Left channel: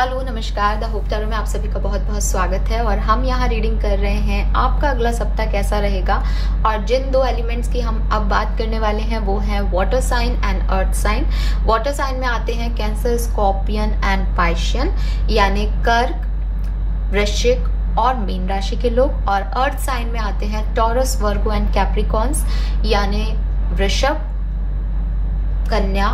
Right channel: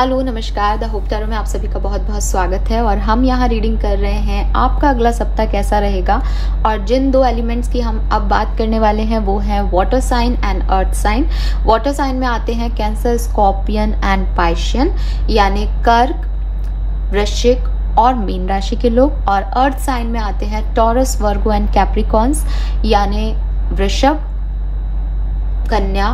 Hello नमस्कार, the hope tarot में आप सभी का बहुत बहुत स्वागत है। और हम यहाँ रीडिंग कर रहे हैं आपका अगला सप्ताह कैसा रहेगा। और जिन दो एलिमेंट्स की हम अब बात करने वाले हैं वो है water sign and earth sign. Water sign में आते हैं कैंसर, स्कॉर्पियन एंड पाइशियन, यानी कर्क, वृश्चिक और मीन राशि के लोग। और अर्थ साइन में आते हैं टॉरस, वर्गो एंड कैप्रिकॉन्स, यानी वृषभ, कन्या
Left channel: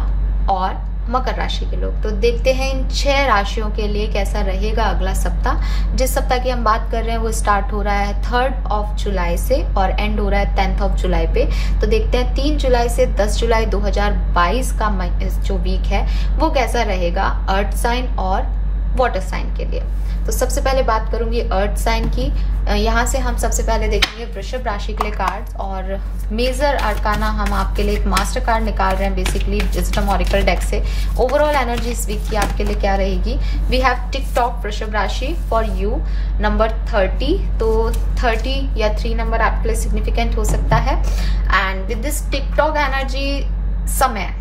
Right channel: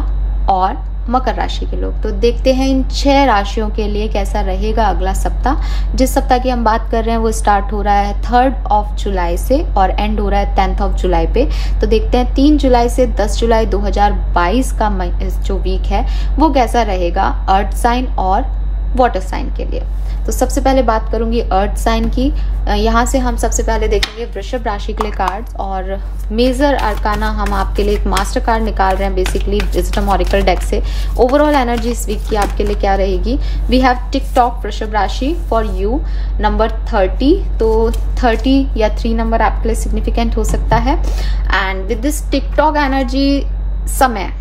और मकर राशि के लोग। तो देखते हैं इन 6 राशियों के लिए कैसा रहेगा अगला सप्ताह। जिस सप्ताह की हम बात कर रहे हैं वो स्टार्ट हो रहा है 3 जुलाई से और एंड हो रहा है 10 जुलाई पे। तो देखते हैं 3 जुलाई से 10 जुलाई 2022 का जो वीक है वो कैसा रहेगा अर्थ साइन और वाटर साइन के लिए। तो सबसे पहले बात करूंगी अर्थ साइन की। यहाँ से हम सबसे पहले देखेंगे वृषभ राशि के लिए कार्ड्स, और मेजर अरकाना हम आपके लिए एक मास्टर कार्ड निकाल रहे हैं बेसिकली विजडम ऑरेकल डेक से। ओवरऑल एनर्जी इस वीक की आपके लिए क्या रहेगी। वी हैव टिकटॉक वृषभ राशि फॉर यू नंबर 30। तो 30 या 3 नंबर आपके लिए सिग्निफिकेंट हो सकता है। And with this TikTok energy समय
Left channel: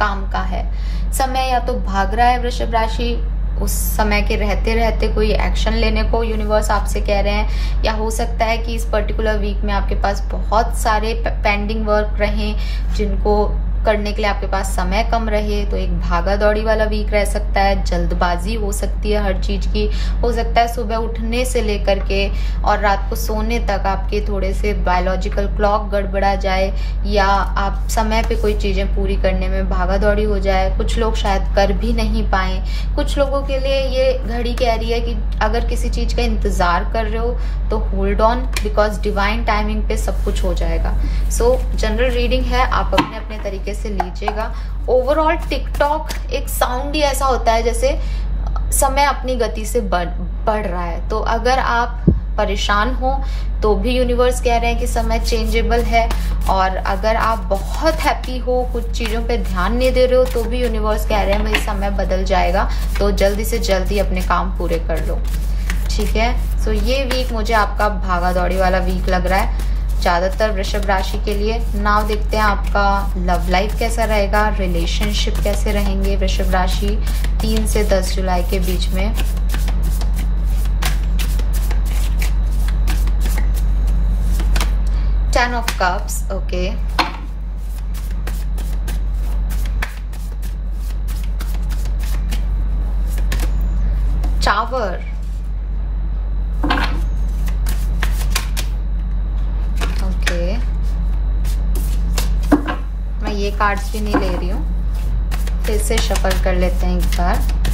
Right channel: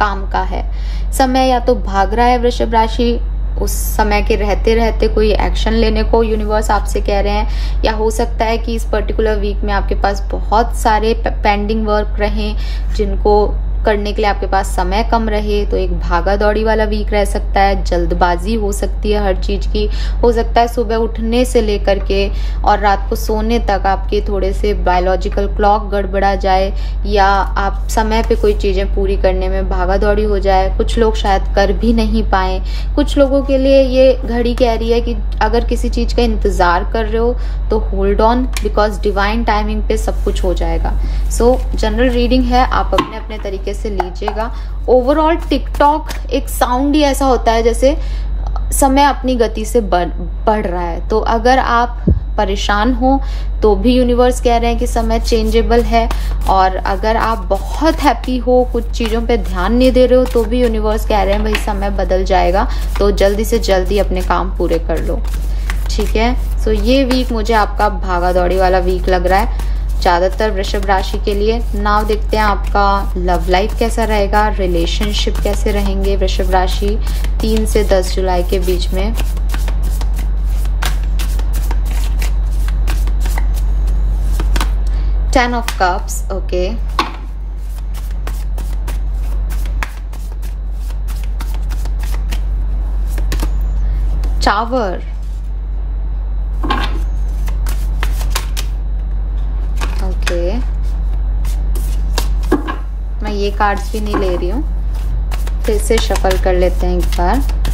काम का है। समय या तो भाग रहा है वृषभ राशि, उस समय के रहते रहते कोई एक्शन लेने को यूनिवर्स आपसे कह रहे हैं, या हो सकता है कि इस पर्टिकुलर वीक में आपके पास बहुत सारे पेंडिंग वर्क रहे जिनको करने के लिए आपके पास समय कम रहे। तो एक भागा दौड़ी वाला वीक रह सकता है, जल्दबाजी हो सकती है हर चीज की। हो सकता है सुबह उठने से लेकर के और रात को सोने तक आपके थोड़े से बायोलॉजिकल क्लॉक गड़बड़ा जाए, या आप समय पे कोई चीजें पूरी करने में भागा दौड़ी हो जाए। कुछ लोग शायद कर भी नहीं पाए। कुछ लोगों के लिए ये घड़ी कह रही है कि अगर किसी चीज का इंतजार कर रहे हो तो hold on, because divine timing पे सब कुछ हो जाएगा। सो जनरल रीडिंग है, आप अपने अपने तरीके से लीजिएगा। ओवरऑल टिकटॉक एक साउंड ही ऐसा होता है जैसे समय अपनी गति से बढ़ रहा है। तो अगर आप परेशान हो तो भी यूनिवर्स कह रहे हैं कि समय चेंजेबल है, और अगर आप बहुत हैप्पी हो, कुछ चीजों पे ध्यान नहीं दे रहे हो, तो भी यूनिवर्स कह रहे हैं भाई समय बदल जाएगा, तो जल्दी से जल्दी अपने काम पूरे कर लो। ठीक है, सो ये वीक मुझे आपका भागा दौड़ी वाला वीक लग रहा है ज्यादातर वृषभ राशि के लिए। नाउ देखते हैं आपका लव लाइफ कैसा रहेगा, रिलेशनशिप कैसे रहेंगे वृषभ राशि 3 से 10 जुलाई के बीच में। Ten of Cups, okay. Tower. Okay. मैं ये कार्ड्स भी नहीं ले रही हूँ, फिर से शफल कर लेते हैं एक बार।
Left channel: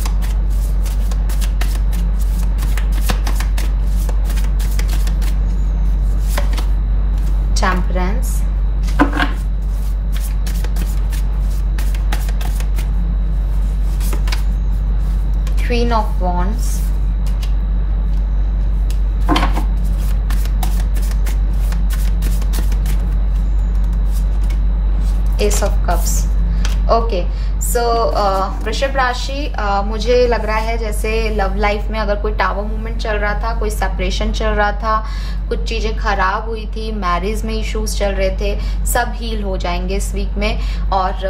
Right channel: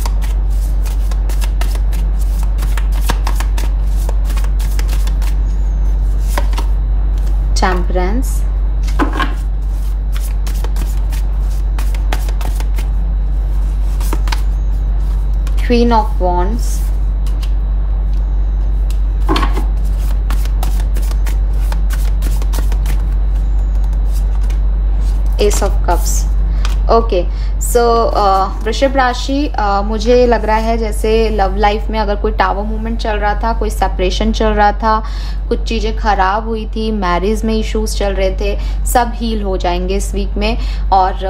Temperance, Queen of Wands, Ace of Cups। Okay, so वृषभ राशि मुझे लग रहा है जैसे लव लाइफ में अगर कोई टावर मूवमेंट चल रहा था, कोई सेपरेशन चल रहा था, कुछ चीजें खराब हुई थी, मैरिज में इश्यूज चल रहे थे, सब हील हो जाएंगे इस वीक में। और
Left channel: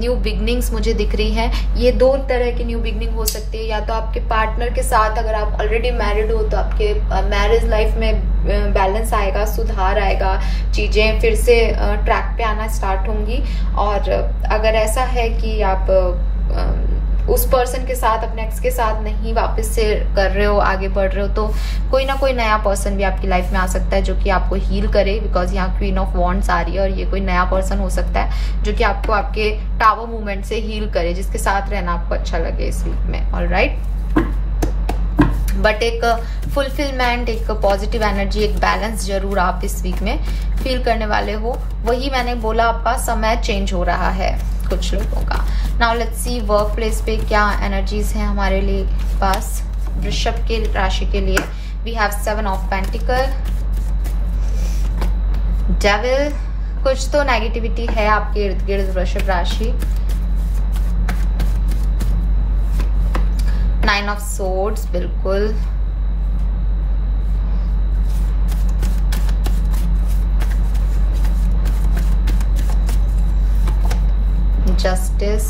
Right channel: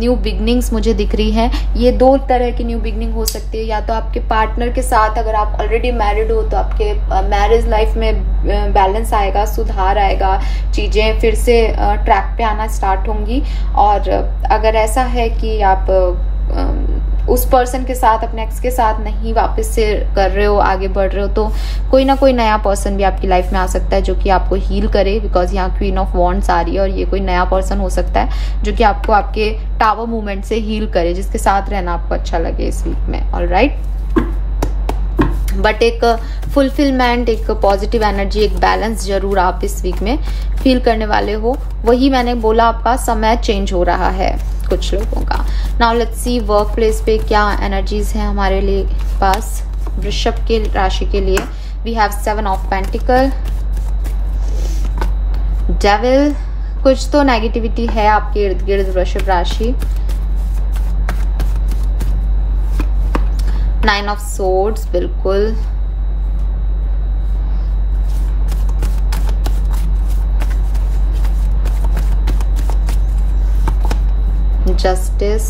न्यू बिगनिंग्स मुझे दिख रही हैं। ये 2 तरह की न्यू बिगनिंग हो सकती है, या तो आपके पार्टनर के साथ, अगर आप ऑलरेडी मैरिड हो तो आपके मैरिज लाइफ में बैलेंस आएगा, सुधार आएगा, चीजें फिर से ट्रैक पे आना स्टार्ट होंगी। और अगर ऐसा है कि आप उस पर्सन के साथ, अपने एक्स के साथ नहीं वापस से कर रहे हो, आगे बढ़ रहे हो, तो कोई ना कोई नया पर्सन भी आपकी लाइफ में आ सकता है जो कि आपको हील करे, बिकॉज यहाँ क्वीन ऑफ वॉन्ड्स आ रही है। और ये कोई नया पर्सन हो सकता है जो कि आपको आपके टावर मूवमेंट से हील करे, जिसके साथ रहना आपको अच्छा लगे इस वीक में। ऑलराइट, बट एक फुलफिलमेंट, एक पॉजिटिव एनर्जी, एक बैलेंस जरूर आप इस वीक में फील करने वाले हो। वही मैंने बोला, आपका समय चेंज हो रहा है कुछ लोगों का। Now let's see work place पे क्या एनर्जीज हैं हमारे लिए पास वृषभ के राशि के लिए। We have 7 of pentacle, devil, कुछ तो नेगेटिविटी है आपके इर्द गिर्द वृषभ राशि। 9 ऑफ सोर्ड्स, बिल्कुल। जस्टिस,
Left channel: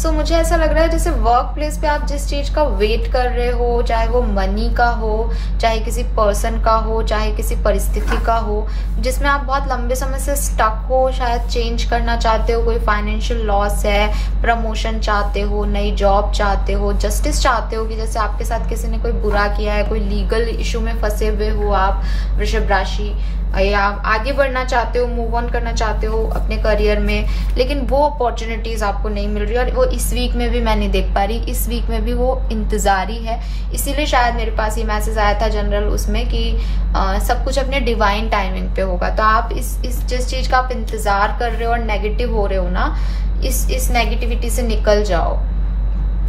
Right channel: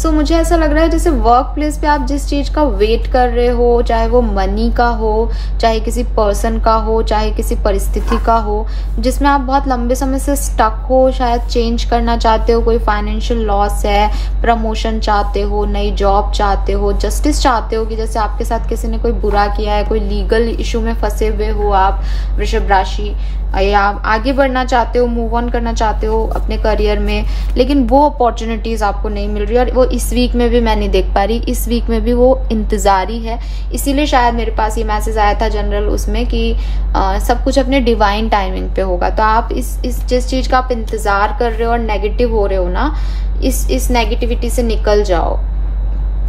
सो मुझे ऐसा लग रहा है जैसे वर्क प्लेस पे आप जिस चीज का वेट कर रहे हो, चाहे वो मनी का हो, चाहे किसी पर्सन का हो, चाहे किसी परिस्थिति का हो, जिसमें आप बहुत लंबे समय से स्टक हो, शायद चेंज करना चाहते हो, कोई फाइनेंशियल लॉस है, प्रमोशन चाहते हो, नई जॉब चाहते हो, जस्टिस चाहते हो कि जैसे आपके साथ किसी ने कोई बुरा किया है, कोई लीगल इशू में फंसे हुए हो आप वृषभ राशि, या आगे बढ़ना चाहते हो, मूव ऑन करना चाहते हो अपने करियर में, लेकिन वो अपॉर्चुनिटीज आपको नहीं मिल रही और वो इस वीक में भी मैं नहीं देख पा रही, इस वीक में भी वो इंतजारी है। इसीलिए शायद मेरे पास ये मैसेज आया था जनरल उसमें कि सब कुछ अपने डिवाइन टाइमिंग पे होगा। तो आप इस जिस चीज का आप इंतजार कर रहे हो और नेगेटिव हो रहे हो ना, इस नेगेटिविटी से निकल जाओ,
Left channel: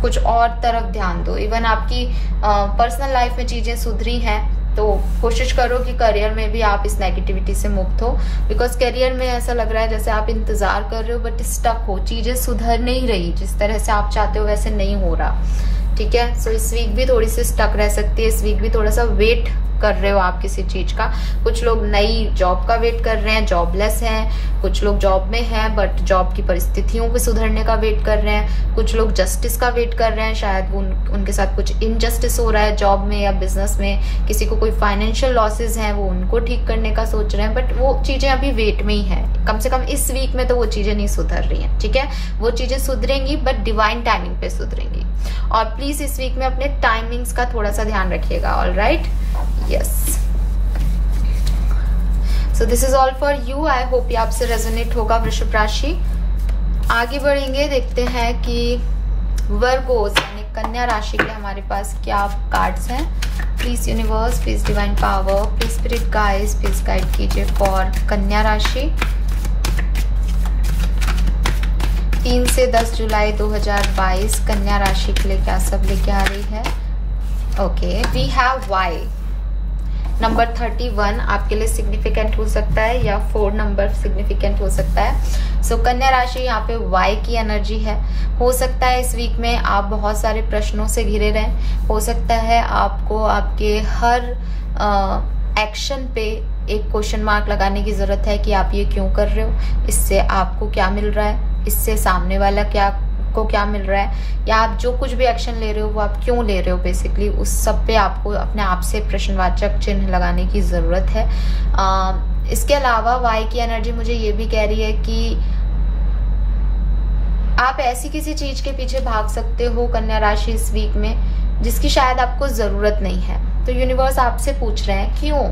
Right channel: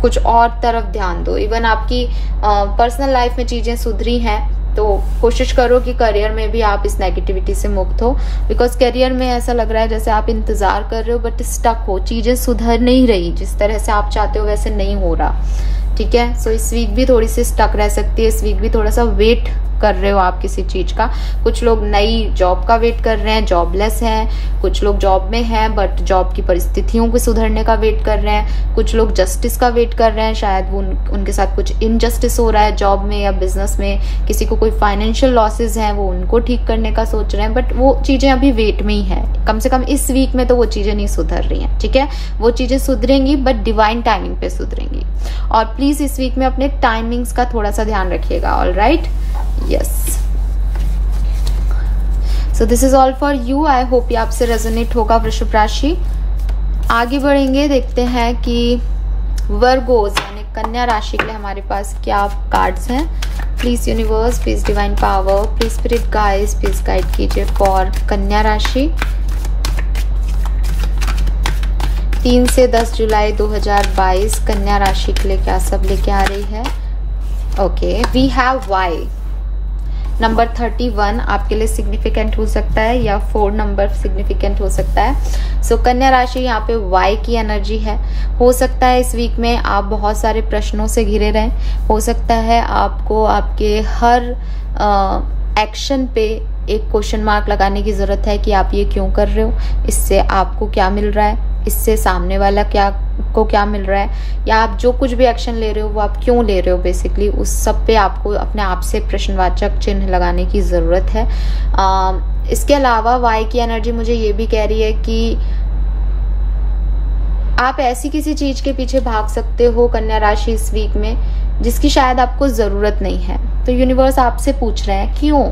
कुछ और तरफ ध्यान दो। इवन आपकी पर्सनल लाइफ में चीजें सुधरी हैं तो कोशिश करो कि करियर में भी आप इस नेगेटिविटी से मुक्त हो, बिकॉज करियर में ऐसा लग रहा है जैसे आप इंतजार कर रहे हो बट स्टक हो, चीजें सुधर नहीं रही, जिस तरह से आप चाहते हो वैसे नहीं हो रहा। ठीक है, सो इस वीक भी थोड़ी सी स्टक रह सकती है, इस वीक भी थोड़ा सा वेट कर रहे हो आप किसी चीज का। कुछ लोग नई जॉब का वेट कर रहे हैं, जॉबलेस हैं, कुछ लोग जॉब में हैं बट जॉब की परिस्थितियों को सुधरने का वेट कर रहे हैं, कुछ लोग जस्टिस का वेट कर रहे हैं, शायद उनके साथ कुछ इनजस्टिस हो रहा है जॉब में या बिजनेस में, किसी को कोई फाइनेंशियल लॉसेज हैं वो उनको ठीक करने का सोच रहे हैं, बट वो चीजें अभी वेट में ही है। कम से कम इस वीक में तो वो चीजें नहीं सुधर रही हैं। ठीक है, वो चीजें सुधरेंगी बट डिवाइन टाइमिंग पे सुधरेंगी। और प्लीज इस वीक में अपने टाइमिंग्स का थोड़ा सा ध्यान रखिएगा। All right, yes, so this is all for you. I hope ये आपसे रेजोनेट होगा वृषभ राशि। आगे बढ़ेंगे, देखते हैं कि वर्गोस यानी कन्या राशि के लिए हमारे पास क्या कार्ड्स हैं। Please universe, please divine power, please spirit guides, please guide कीजिए फॉर कन्या राशि 3 से 10 जुलाई 2022 कन्या राशि के लिए क्या सब लेके आ रही है। Okay, we have Y number 31 आपके लिए सिग्निफिकेंट हो सकता है या 4 नंबर सिग्निफिकेंट हो सकता है। सो कन्या राशि यहाँ पे वाई की एनर्जी है। हो सकता है इस वीक में आप बहुत सारे प्रश्नों से घिरे रहें, हो सकता है आपको आपके हर एक्शन पे एक क्वेश्चन मार्क लगाने की जरूरत है कि आप ये क्यों कर रहे हो, इससे आपको क्या मिल रहा है, इससे सामने वाला को क्या मिल रहा है, या आप जो कुछ भी एक्शन ले रहे हो वो आप क्यों ले रहे हो, बेसिकली उस सब पे आपको अपने आप से प्रश्नवाचक चिन्ह लगाने की जरूरत है। इसके अलावा वाई की एनर्जी मुझे ये भी कह रही है कि आप ऐसी किसी चीज के पीछे भाग सकते हो कन्या राशि इस वीक में जिसकी शायद आपको जरूरत नहीं है, तो यूनिवर्स आपसे पूछ रहे हैं क्यों।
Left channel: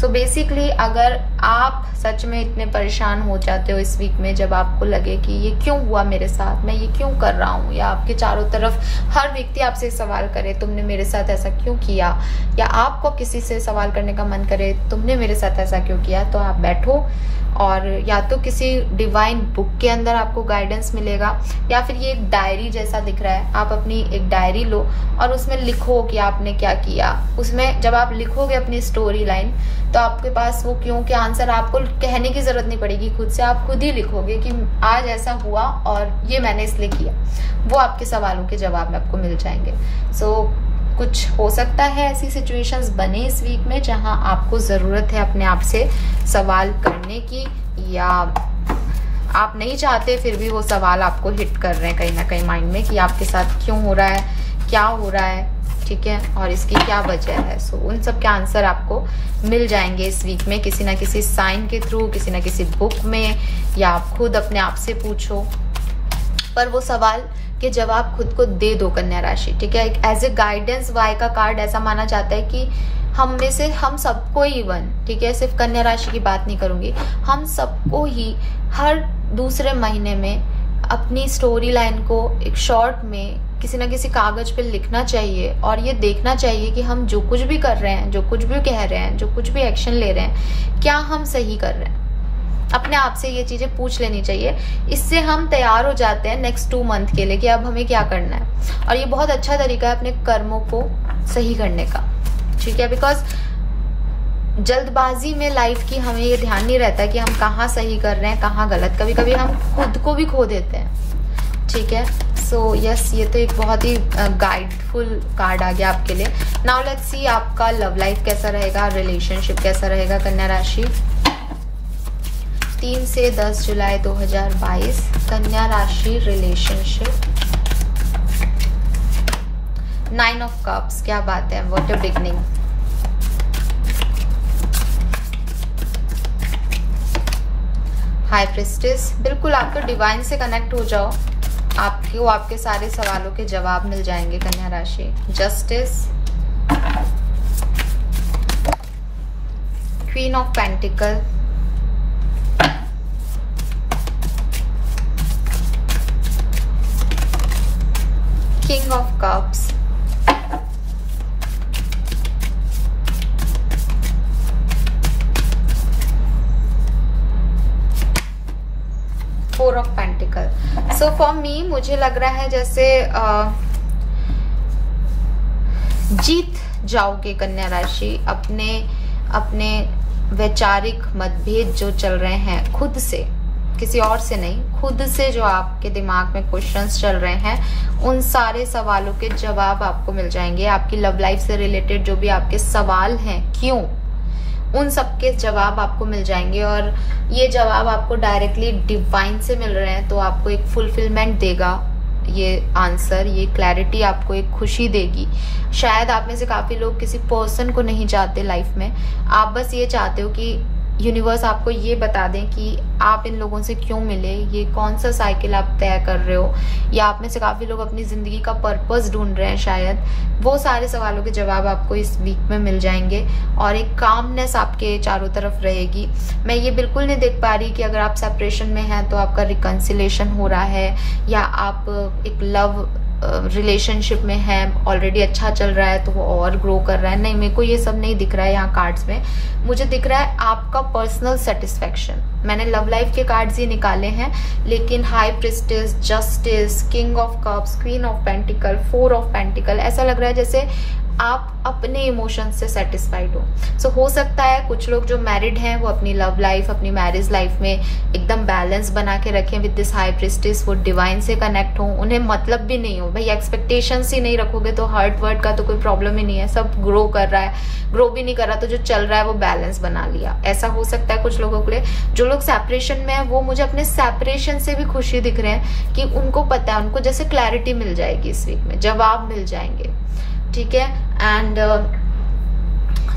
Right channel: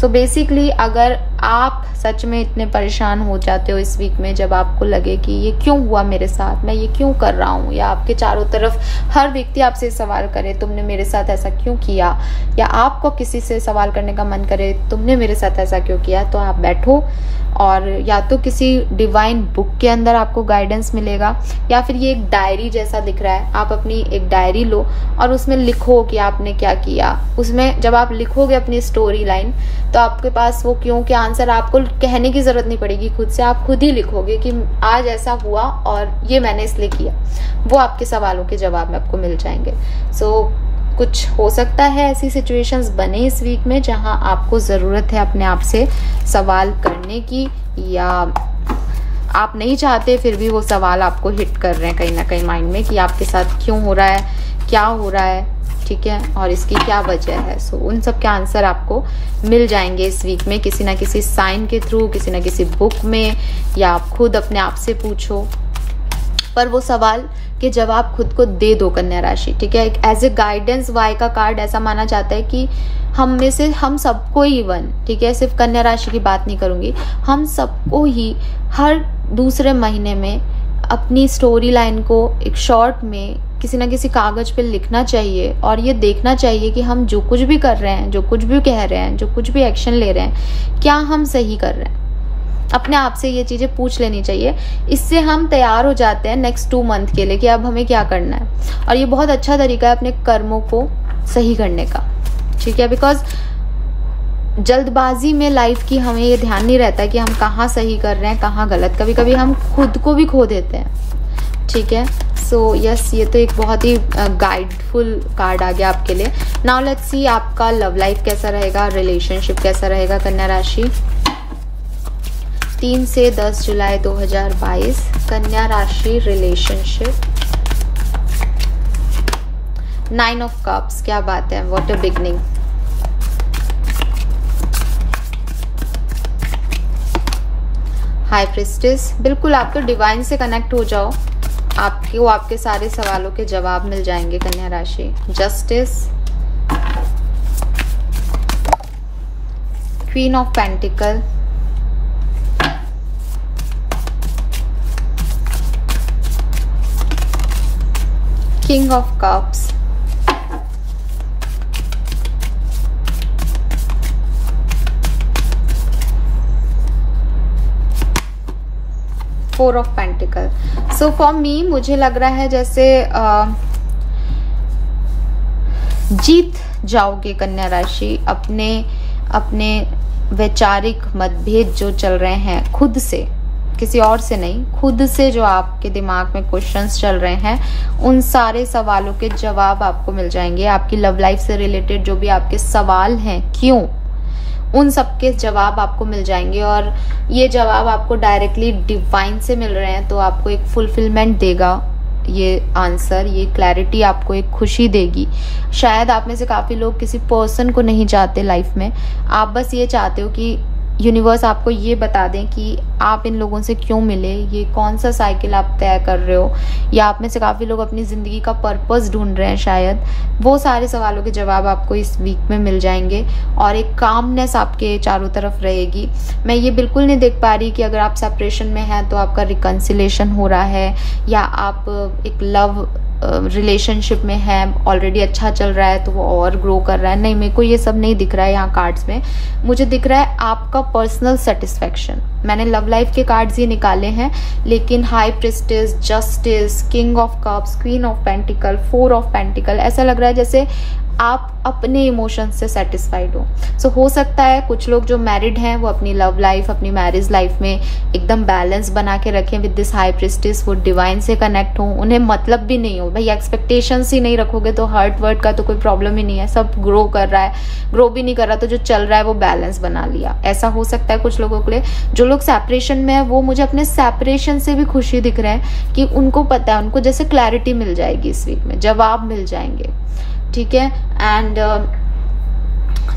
सो बेसिकली अगर आप सच में इतने परेशान हो जाते हो इस वीक में, जब आपको लगे कि ये क्यों हुआ मेरे साथ, मैं ये क्यों कर रहा हूँ, या आपके चारों तरफ हर व्यक्ति आपसे सवाल करे तुमने मेरे साथ ऐसा क्यों किया, या आपको किसी से सवाल करने का मन करे तुमने मेरे साथ ऐसा क्यों किया, तो आप बैठो और या तो किसी डिवाइन बुक के अंदर आपको गाइडेंस मिलेगा, या फिर ये एक डायरी जैसा दिख रहा है, आप अपनी एक डायरी लो और उसमें लिखो कि आपने क्या किया। उसमें जब आप लिखोगे अपनी स्टोरी लाइन तो आपके पास वो क्यों के आंसर आपको कहने की जरूरत नहीं पड़ेगी, खुद से आप खुद ही लिखोगे कि आज ऐसा हुआ और ये मैंने इसलिए किया। वो आपके सवालों के जवाब में आपको मिल जाएंगे। सो कुछ हो सकता है ऐसी सिचुएशंस बने इस वीक में जहां आपको जरूरत है अपने आप से सवाल करने की, या आप नहीं चाहते फिर भी वो सवाल आपको हिट कर रहे हैं कहीं ना कहीं माइंड में कि आपके साथ क्यों हो रहा है, क्या हो रहा है, ठीक है, और इसकी क्या वजह है। सो उन सब के आंसर आपको मिल जाएंगे इस वीक में किसी ना किसी साइन के थ्रू, किसी ना किसी बुक में, या आप खुद अपने आप से पूछो, पर वो सवाल के जवाब खुद को दे दो कन्या राशि। ठीक है, एज ए गाइडेंस वाई का कार्ड ऐसा माना जाता है कि हम में से हम सबको ही इवन, ठीक है, सिर्फ कन्या राशि की बात नहीं करूंगी, हम सबको ही हर दूसरे महीने में अपनी स्टोरी लाइन को एक शॉर्ट में किसी ना किसी कागज पे लिखना चाहिए और ये देखना चाहिए कि हम जो कुछ भी कर रहे हैं, जो कुछ भी कह रहे हैं, जो कुछ भी एक्शन ले रहे हैं, क्या हम सही कर रहे हैं। अपने आप से ये चीजें पूछ लेनी चाहिए। इससे हम तैयार हो जाते हैं नेक्स्ट 2 मंथ के लिए कि अब हमें क्या करना है, और ये बहुत अच्छा तरीका है अपने कर्मों को सही करने का। ठीक है, बिकॉज जल्दबाजी में लाइफ की हमें ये ध्यान नहीं रहता कि हम कहाँ सही कर रहे हैं कहाँ गलत, कभी कभी हम खुद को भी खो देते हैं। ठीक है, सो यस, ये तो एक बहुत ही गाइडफुल कार्ड आ गया आपके लिए। नाउ लेट्स सी आपका लव लाइफ कैसा रहेगा, रिलेशनशिप कैसा रहेगा कन्या राशि। 3 से 10 जुलाई 2022 कन्या राशि रिलेशनशिप। 9 ऑफ कप्स, क्या बात है, what a beginning. High priestess, बिल्कुल आपको डिवाइन से कनेक्ट हो जाओ, आपको आपके सारे सवालों के जवाब मिल जाएंगे कन्या राशि। Justice, queen of pentacle, king of cups, four of pentacle. So for me मुझे लग रहा है जैसे जीत जाओगे कन्या राशि अपने अपने वैचारिक मतभेद जो चल रहे हैं खुद से, किसी और से नहीं, खुद से जो आपके दिमाग में क्वेश्चंस चल रहे हैं, उन सारे सवालों के जवाब आपको मिल जाएंगे। आपकी लव लाइफ से रिलेटेड जो भी आपके सवाल हैं, क्यों, उन सबके जवाब आपको मिल जाएंगे। और ये जवाब आपको डायरेक्टली डिवाइन से मिल रहे हैं, तो आपको एक फुलफिलमेंट देगा ये आंसर, ये क्लैरिटी आपको एक खुशी देगी। शायद आप में से काफी लोग किसी पर्सन को नहीं चाहते लाइफ में, आप बस ये चाहते हो कि यूनिवर्स आपको ये बता दें कि आप इन लोगों से क्यों मिले, ये कौन सा साइकिल आप तय कर रहे हो, या आप में से काफी लोग अपनी जिंदगी का पर्पस ढूंढ रहे हैं शायद। वो सारे सवालों के जवाब आपको इस वीक में मिल जाएंगे और एक कामनेस आपके चारों तरफ रहेगी। मैं ये बिल्कुल नहीं देख पा रही कि अगर आप सेपरेशन में हैं तो आपका रिकंसिलेशन हो रहा है, या आप एक लव रिलेशनशिप में है, ऑलरेडी अच्छा चल रहा है तो वो और ग्रो कर रहा है। नहीं, मेरे को ये सब नहीं दिख रहा है यहाँ कार्ड्स में। मुझे दिख रहा है आपका पर्सनल सेटिस्फेक्शन। मैंने लव लाइफ के कार्ड्स ये निकाले हैं, लेकिन high priestess, justice, king of cups, queen of pentacle, four of pentacle, ऐसा लग रहा है जैसे आप अपने इमोशंस से सेटिस्फाइड हो। सो हो सकता है कुछ लोग जो मैरिड हैं वो अपनी लव लाइफ, अपनी मैरिज लाइफ में एकदम बैलेंस बना के रखें विद दिस हाई प्रिस्टेस, वो डिवाइन से कनेक्ट हो, उन्हें मतलब भी नहीं हो। भाई एक्सपेक्टेशंस ही नहीं रखोगे तो हार्ट वर्ड का तो कोई प्रॉब्लम ही नहीं है, सब ग्रो कर रहा है, ग्रो भी नहीं कर रहा तो जो चल रहा है वो बैलेंस बना लिया। ऐसा हो सकता है कुछ लोगों के लिए। जो लोग सेपरेशन में है वो मुझे अपने सेपरेशन से भी खुशी दिख रहे हैं कि उनको पता है, उनको जैसे क्लैरिटी मिल जाएगी इस वीक में, जवाब मिल जाएंगे, ठीक है। एंड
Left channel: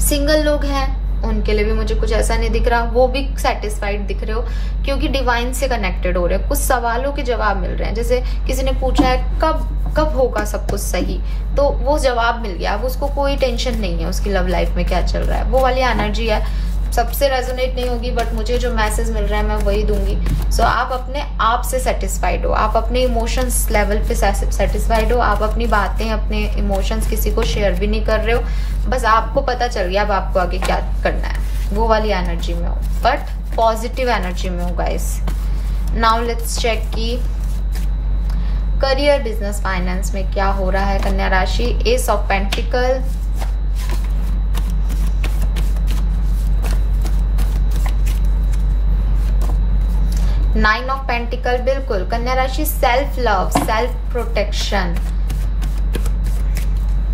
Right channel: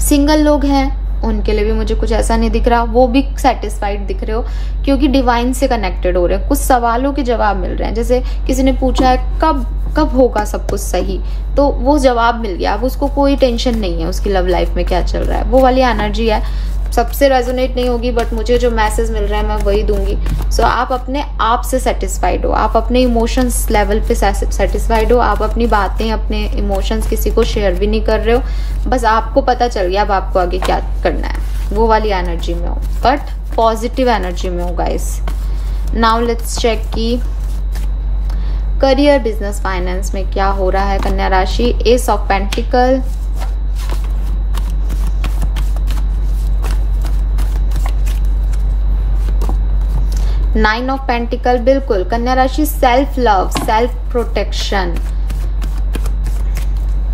सिंगल लोग हैं उनके लिए भी मुझे कुछ ऐसा नहीं दिख रहा, वो भी सेटिस्फाइड दिख रहे हो क्योंकि डिवाइन से कनेक्टेड हो रहे हैं। कुछ सवालों के जवाब मिल रहे हैं, जैसे किसी ने पूछा है कब होगा सब कुछ सही, तो वो जवाब मिल गया। अब उसको कोई टेंशन नहीं है उसकी लव लाइफ में क्या चल रहा है, वो वाली एनर्जी है। सबसे रेजोनेट नहीं होगी, बट मुझे जो मैसेज मिल रहा है मैं वही दूंगी। सो आप अपने आप से सेटिस्फाइड हो, आप अपने इमोशंस लेवल पे सेटिस्फाइड हो, आप अपनी बातें, अपने इमोशंस किसी को शेयर भी नहीं कर रहे हो, बस आपको पता चल गया अब आपको आगे क्या करना है, वो वाली एनर्जी में हो, बट पॉजिटिव एनर्जी में हो गाइस। नाउ लेट्स चेक की करियर, बिजनेस, फाइनेंस में क्या हो रहा है कन्या राशि। Ace of pentacle, nine of pentacle, बिल्कुल कन्या राशि self love, self protection,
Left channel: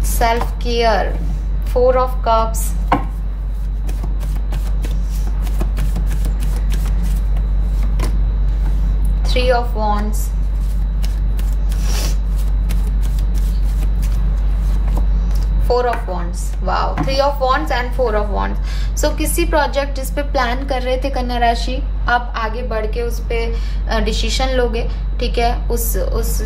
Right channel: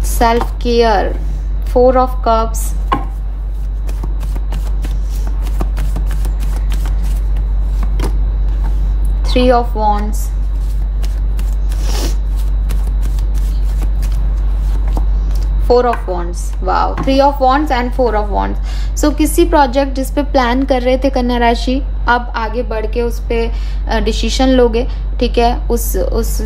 self care. Four of cups, three of wands, four of wands, wow, three of wands and four of wands. So किसी प्रोजेक्ट जिसपे plan कर रहे थे कन्या राशि, अब आगे बढ़ के उस पे डिसीजन लोगे, ठीक है, उस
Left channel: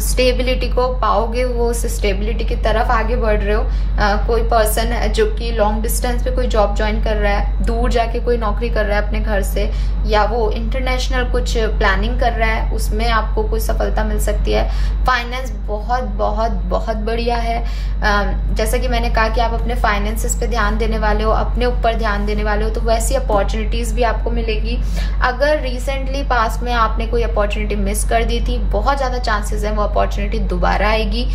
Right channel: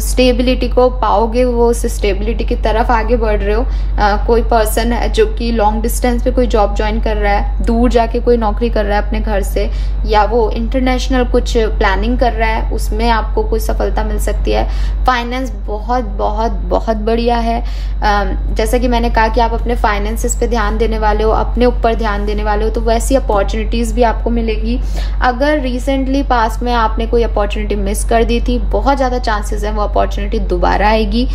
स्टेबिलिटी को पाओगे, वो उस स्टेबिलिटी की तरफ आगे बढ़ रहे हो। कोई पर्सन है जो कि लॉन्ग डिस्टेंस पे कोई जॉब ज्वाइन कर रहा है, दूर जाके कोई नौकरी कर रहा है अपने घर से, या वो इंटरनेशनल कुछ प्लानिंग कर रहा है, उसमें आपको कुछ सफलता मिल सकती है। फाइनेंस बहुत बहुत बहुत बढ़िया है। जैसा कि मैंने कहा कि आप अपने फाइनेंसेस पे ध्यान देने वाले हो, अपने ऊपर ध्यान देने वाले हो, तो वैसी अपॉर्चुनिटीज भी आपको मिलेगी। अगर रिसेंटली पास्ट में आपने कोई अपॉर्चुनिटी मिस कर दी थी, बहुत ज्यादा चांसेस है वो अपॉर्चुनिटी दोबारा आएगी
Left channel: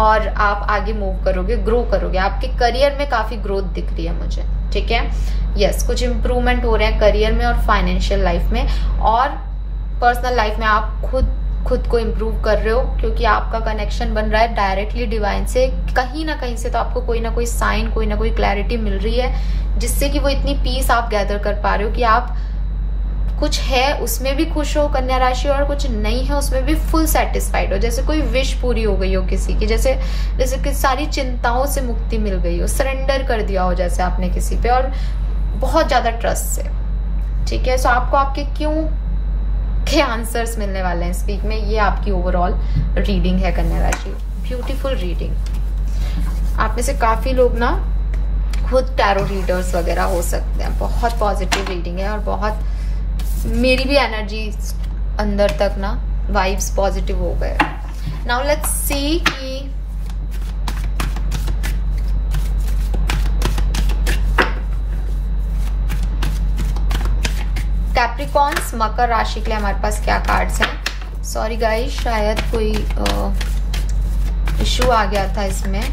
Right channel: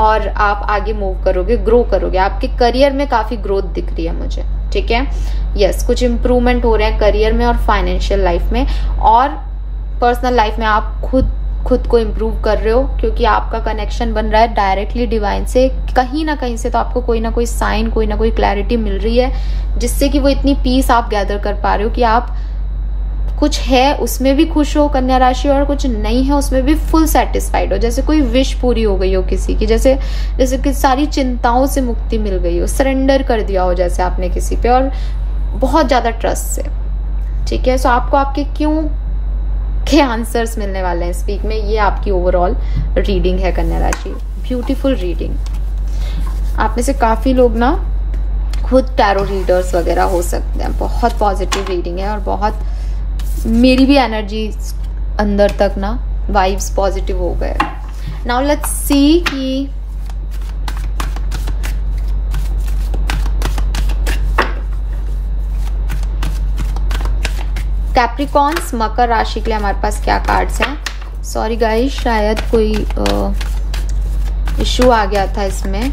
और आप आगे मूव करोगे, ग्रो करोगे। आपके करियर में काफी ग्रोथ दिख रही है मुझे, ठीक है। यस, कुछ इंप्रूवमेंट हो रहे हैं करियर में और फाइनेंशियल लाइफ में, और पर्सनल लाइफ में आप खुद को इम्प्रूव कर रहे हो क्योंकि आपका कनेक्शन बन रहा है डायरेक्टली डिवाइन से। कहीं ना कहीं से तो आपको कोई ना कोई साइन, कोई ना कोई क्लैरिटी मिल रही है, जिससे कि वो इतनी पीस आप गैदर कर पा रहे हो कि आप कुछ है उसमें भी खुश हो कन्या राशि, और कुछ नहीं है उसमें भी फुल सेटिस्फाइड हो। जैसे कोई विश पूरी हो गई हो किसी की, जैसे कि सारी चिंताओं से मुक्ति मिल गई हो, सरेंडर कर दिया हो जैसे आपने किसी पे, और बहुत ज्यादा ट्रस्ट से। ठीक है, सो आपको आपके क्यों के आंसर्स मिलने वाले हैं इस वीक में। ये आपकी ओवरऑल रीडिंग है कन्या राशि। Beautiful reading. आप में से काफी लोग ना खुद टैरो रीडर्स वगैरह हो सकते हैं। बहुत पॉजिटिव रीडिंग है, और बहुत मेरी भी एनर्जी अंदर तक ना वाइब्स पॉजिटिव हो गए। नाउ लेट्स सी कि कैप्रिकॉन्स मकर राशि के लिए हमारे पास क्या कार्ड्स हैं। सॉरी गाइस, शायद कोई इशू आ गया था इसमें,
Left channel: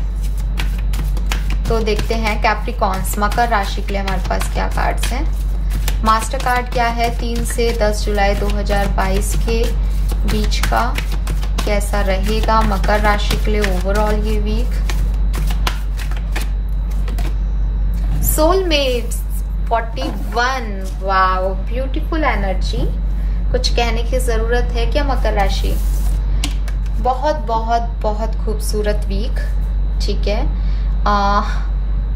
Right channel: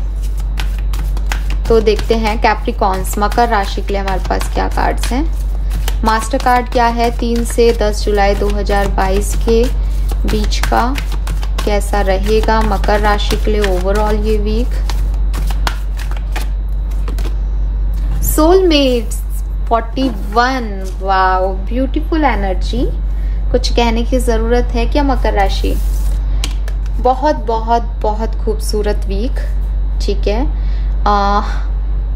तो देखते हैं कैप्रिकॉन्स मकर राशि के लिए हमारे पास क्या कार्ड्स हैं। मास्टर कार्ड क्या है 3 से 10 जुलाई 2022 के बीच का कैसा रहेगा मकर राशि के लिए ओवरऑल ये week. Soulmates 41, wow beautiful energy. कुछ कहने की जरूरत है क्या मकर राशि? बहुत बहुत बहुत खूबसूरत वीक। ठीक है,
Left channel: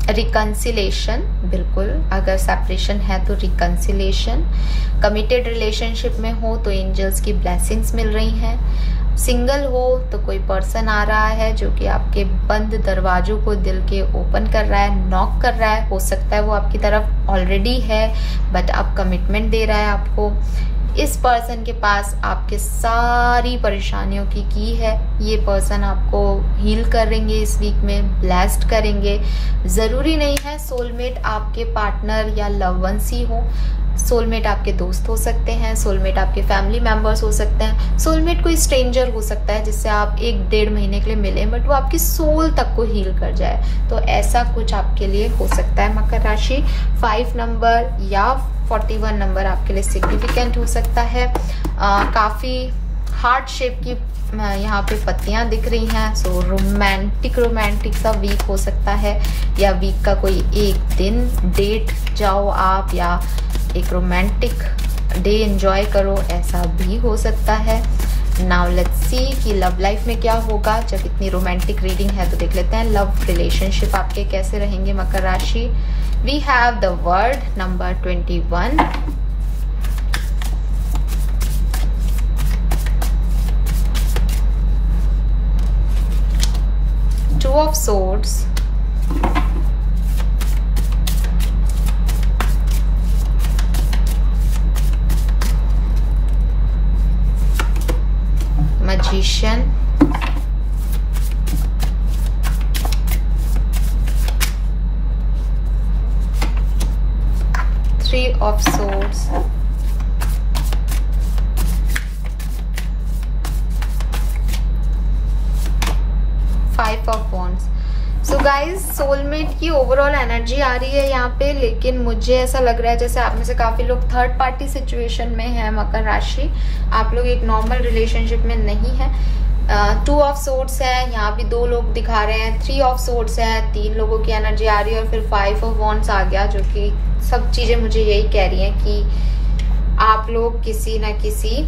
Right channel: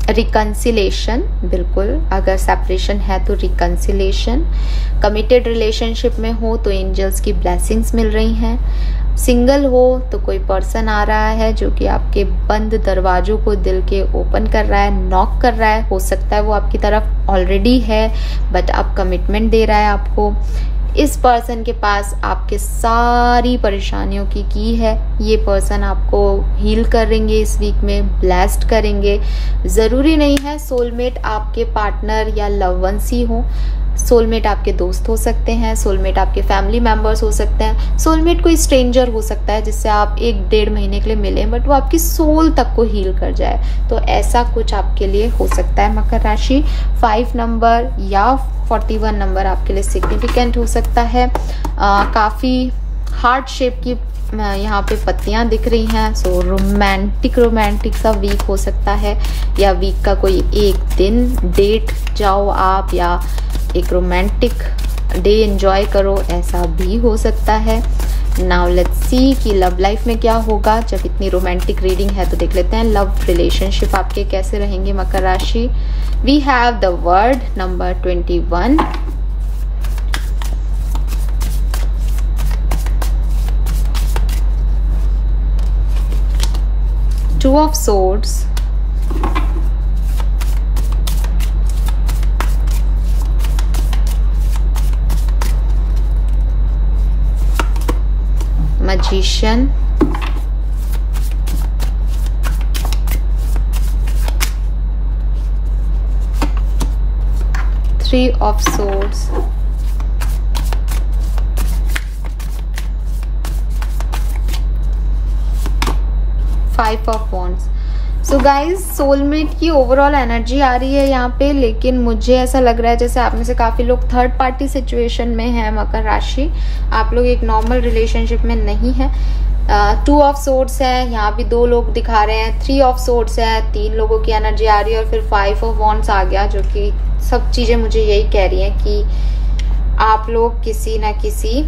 रिकंसिलेशन, बिल्कुल अगर सेपरेशन है तो रिकंसिलेशन। कमिटेड रिलेशनशिप में हो तो एंजल्स की ब्लेसिंग्स मिल रही हैं। सिंगल हो तो कोई पर्सन आ रहा है जो कि आपके बंद दरवाजों को दिल के ओपन कर रहा है, नॉक कर रहा है। हो सकता है वो आपकी तरफ ऑलरेडी है बट अब कमिटमेंट दे रहा है आपको। इस पर्सन के पास आपके सारी परेशानियों की है। ये पर्सन आपको हील करेंगे इस वीक में, ब्लेस्ड करेंगे। जरूरी नहीं है सोलमेट आपके पार्टनर या लव वंस ही हो। सोलमेट आपके दोस्त हो सकते हैं, सोलमेट आपके फैमिली मेंबर्स हो सकते हैं, सोलमेट कोई स्ट्रेंजर हो सकता है जिससे आप 1-1.5 महीने के लिए मिले बट वो आपकी सोल तक को हील कर जाए। तो ऐसा कुछ आपके लिए हो सकता है मकर राशि। 5 नंबर या 41 नंबर आपके लिए सिग्निफिकेंट हो सकता है। काफी हार्ट शेप की यहाँ पे पत्तियां दिख रही हैं। सो रोमांटिक सा वीक हो सकता है, या वीक का कोई एक दिन डेट जाओ आप, या एक रोमांटिक डे एंजॉय करो, ऐसा भी हो सकता है। नाउ लेट्स सी कि लव लाइफ में क्या होगा। जब इतनी रोमांटिक रीडिंग है तो देख लेते हैं लव रिलेशनशिप आपके कैसे रहेंगे मकर राशि। We have the word number 21, Two of Swords, Magician, Three of Swords, so guys soulmate की ओवरऑल एनर्जी आ रही है यहाँ पे, लेकिन मुझे ऐसा लग रहा है जैसे आप में से काफी लोग थर्ड पार्टी सिचुएशन में है मकर राशि। आप लोग एक नॉर्मल रिलेशनशिप में नहीं है। 2 ऑफ सोर्ड्स है, यहाँ भी 2 लोग दिखा रहे हैं। 3 ऑफ सोर्ड्स है, 3 लोगों की एनर्जी आ रही है, और फिर 5 ऑफ वॉन्ड्स आ गया, जो कि सब चीजें मुझे यही कह रही हैं कि आप लोग किसी ना किसी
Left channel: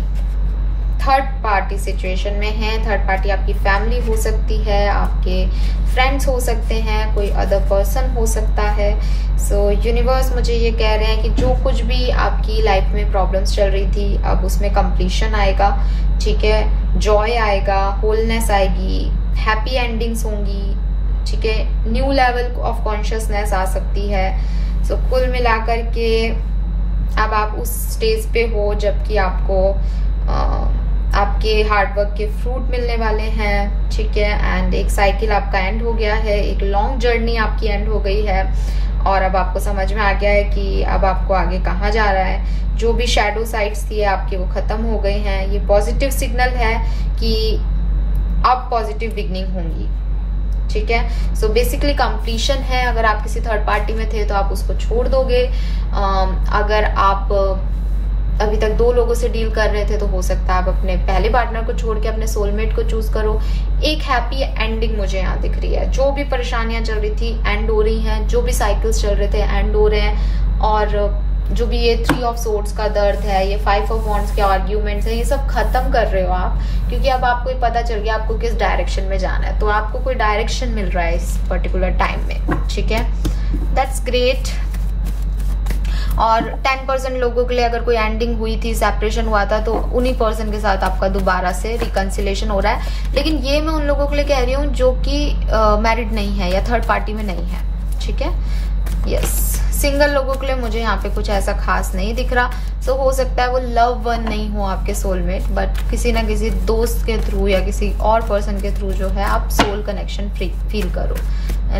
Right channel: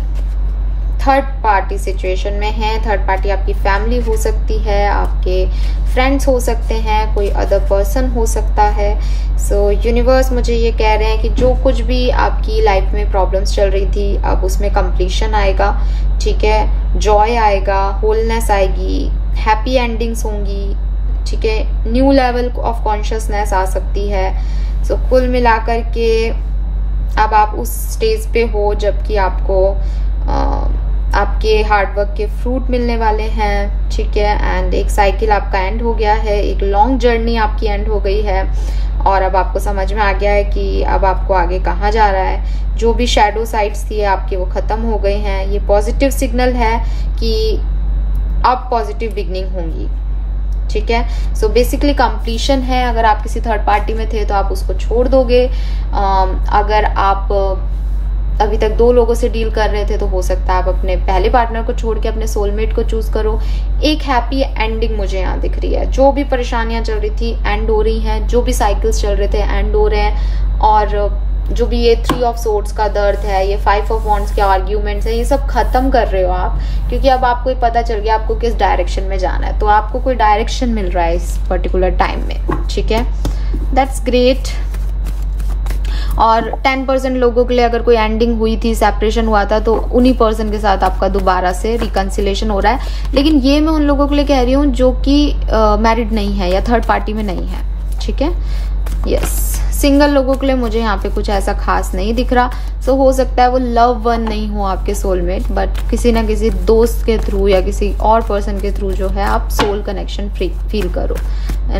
थर्ड पार्टी सिचुएशन में है। थर्ड पार्टी आपकी फैमिली हो सकती है, आपके फ्रेंड्स हो सकते हैं, कोई अदर पर्सन हो सकता है। सो यूनिवर्स मुझे ये कह रहे हैं कि जो कुछ भी आपकी लाइफ में प्रॉब्लम्स चल रही थी अब उसमें कंप्लीशन आएगा। ठीक है, जॉय आएगा, होलनेस आएगी, हैप्पी एंडिंग्स होंगी। ठीक है, न्यू लेवल ऑफ कॉन्शियसनेस आ सकती है। सो कुल मिलाकर के अब आप उस स्टेज पे हो जबकि आपको आपके हार्डवर्क के फ्रूट मिलने वाले हैं। ठीक है, एंड एक साइकिल आपका एंड हो गया है, एक लॉन्ग जर्नी आपकी एंड हो गई है, और अब आपको समझ में आ गया है कि अब आपको आगे कहाँ जा रहा है। जो भी शैडो साइड्स थी आपकी वो खत्म हो गई हैं। ये पॉजिटिव सिग्नल है कि अब पॉजिटिव बिगनिंग होंगी। ठीक है, सो बेसिकली कंप्लीशन है। अगर आप किसी थर्ड पार्टी में थे तो आप उसको छोड़ दोगे। अगर आप अभी तक 2 लोगों से डील कर रहे थे तो हो सकता है आप अपने पहले पार्टनर को छोड़ के अपने सोलमेट को चूज करो। एक हैप्पी एंडिंग मुझे यहाँ दिख रही है। जो भी परेशानियां चल रही थी एंड हो रही हैं, जो भी साइकिल्स चल रहे थे एंड हो रहे हैं, और जो भी ये 3 ऑफ सोर्ड्स का दर्द है, ये 5 ऑफ वॉन्ड्स के आर्ग्यूमेंट्स है, ये सब खत्म कर रहे हो आप, क्योंकि अब आपको पता चल गया आपको किस डायरेक्शन में जाना है। तो आपको कोई डायरेक्शन मिल रहा है इस पर्टिकुलर टाइम में, ठीक है, दैट्स ग्रेट। और 10% लोगों के लिए अगर कोई एंडिंग हुई थी, सेपरेशन हुआ था, तो उन्हीं पर्सन के साथ आपका दोबारा से रिकंसिलेशन हो रहा है। लेकिन ये मैं उन लोगों के लिए कह रही हूँ जो कि मैरिड नहीं है या थर्ड पार्टी में नहीं है, ठीक है, यस। सिंगल लोगों के लिए मुझे यहाँ पे कुछ ऐसा खास नहीं दिख रहा। सो हो सकता है वो लव वन नहीं हो आपके सोलमेट, बट किसी ना किसी दोस्त के थ्रू या किसी और पर्सन के थ्रू जो है आप सोल कनेक्शन फील करो।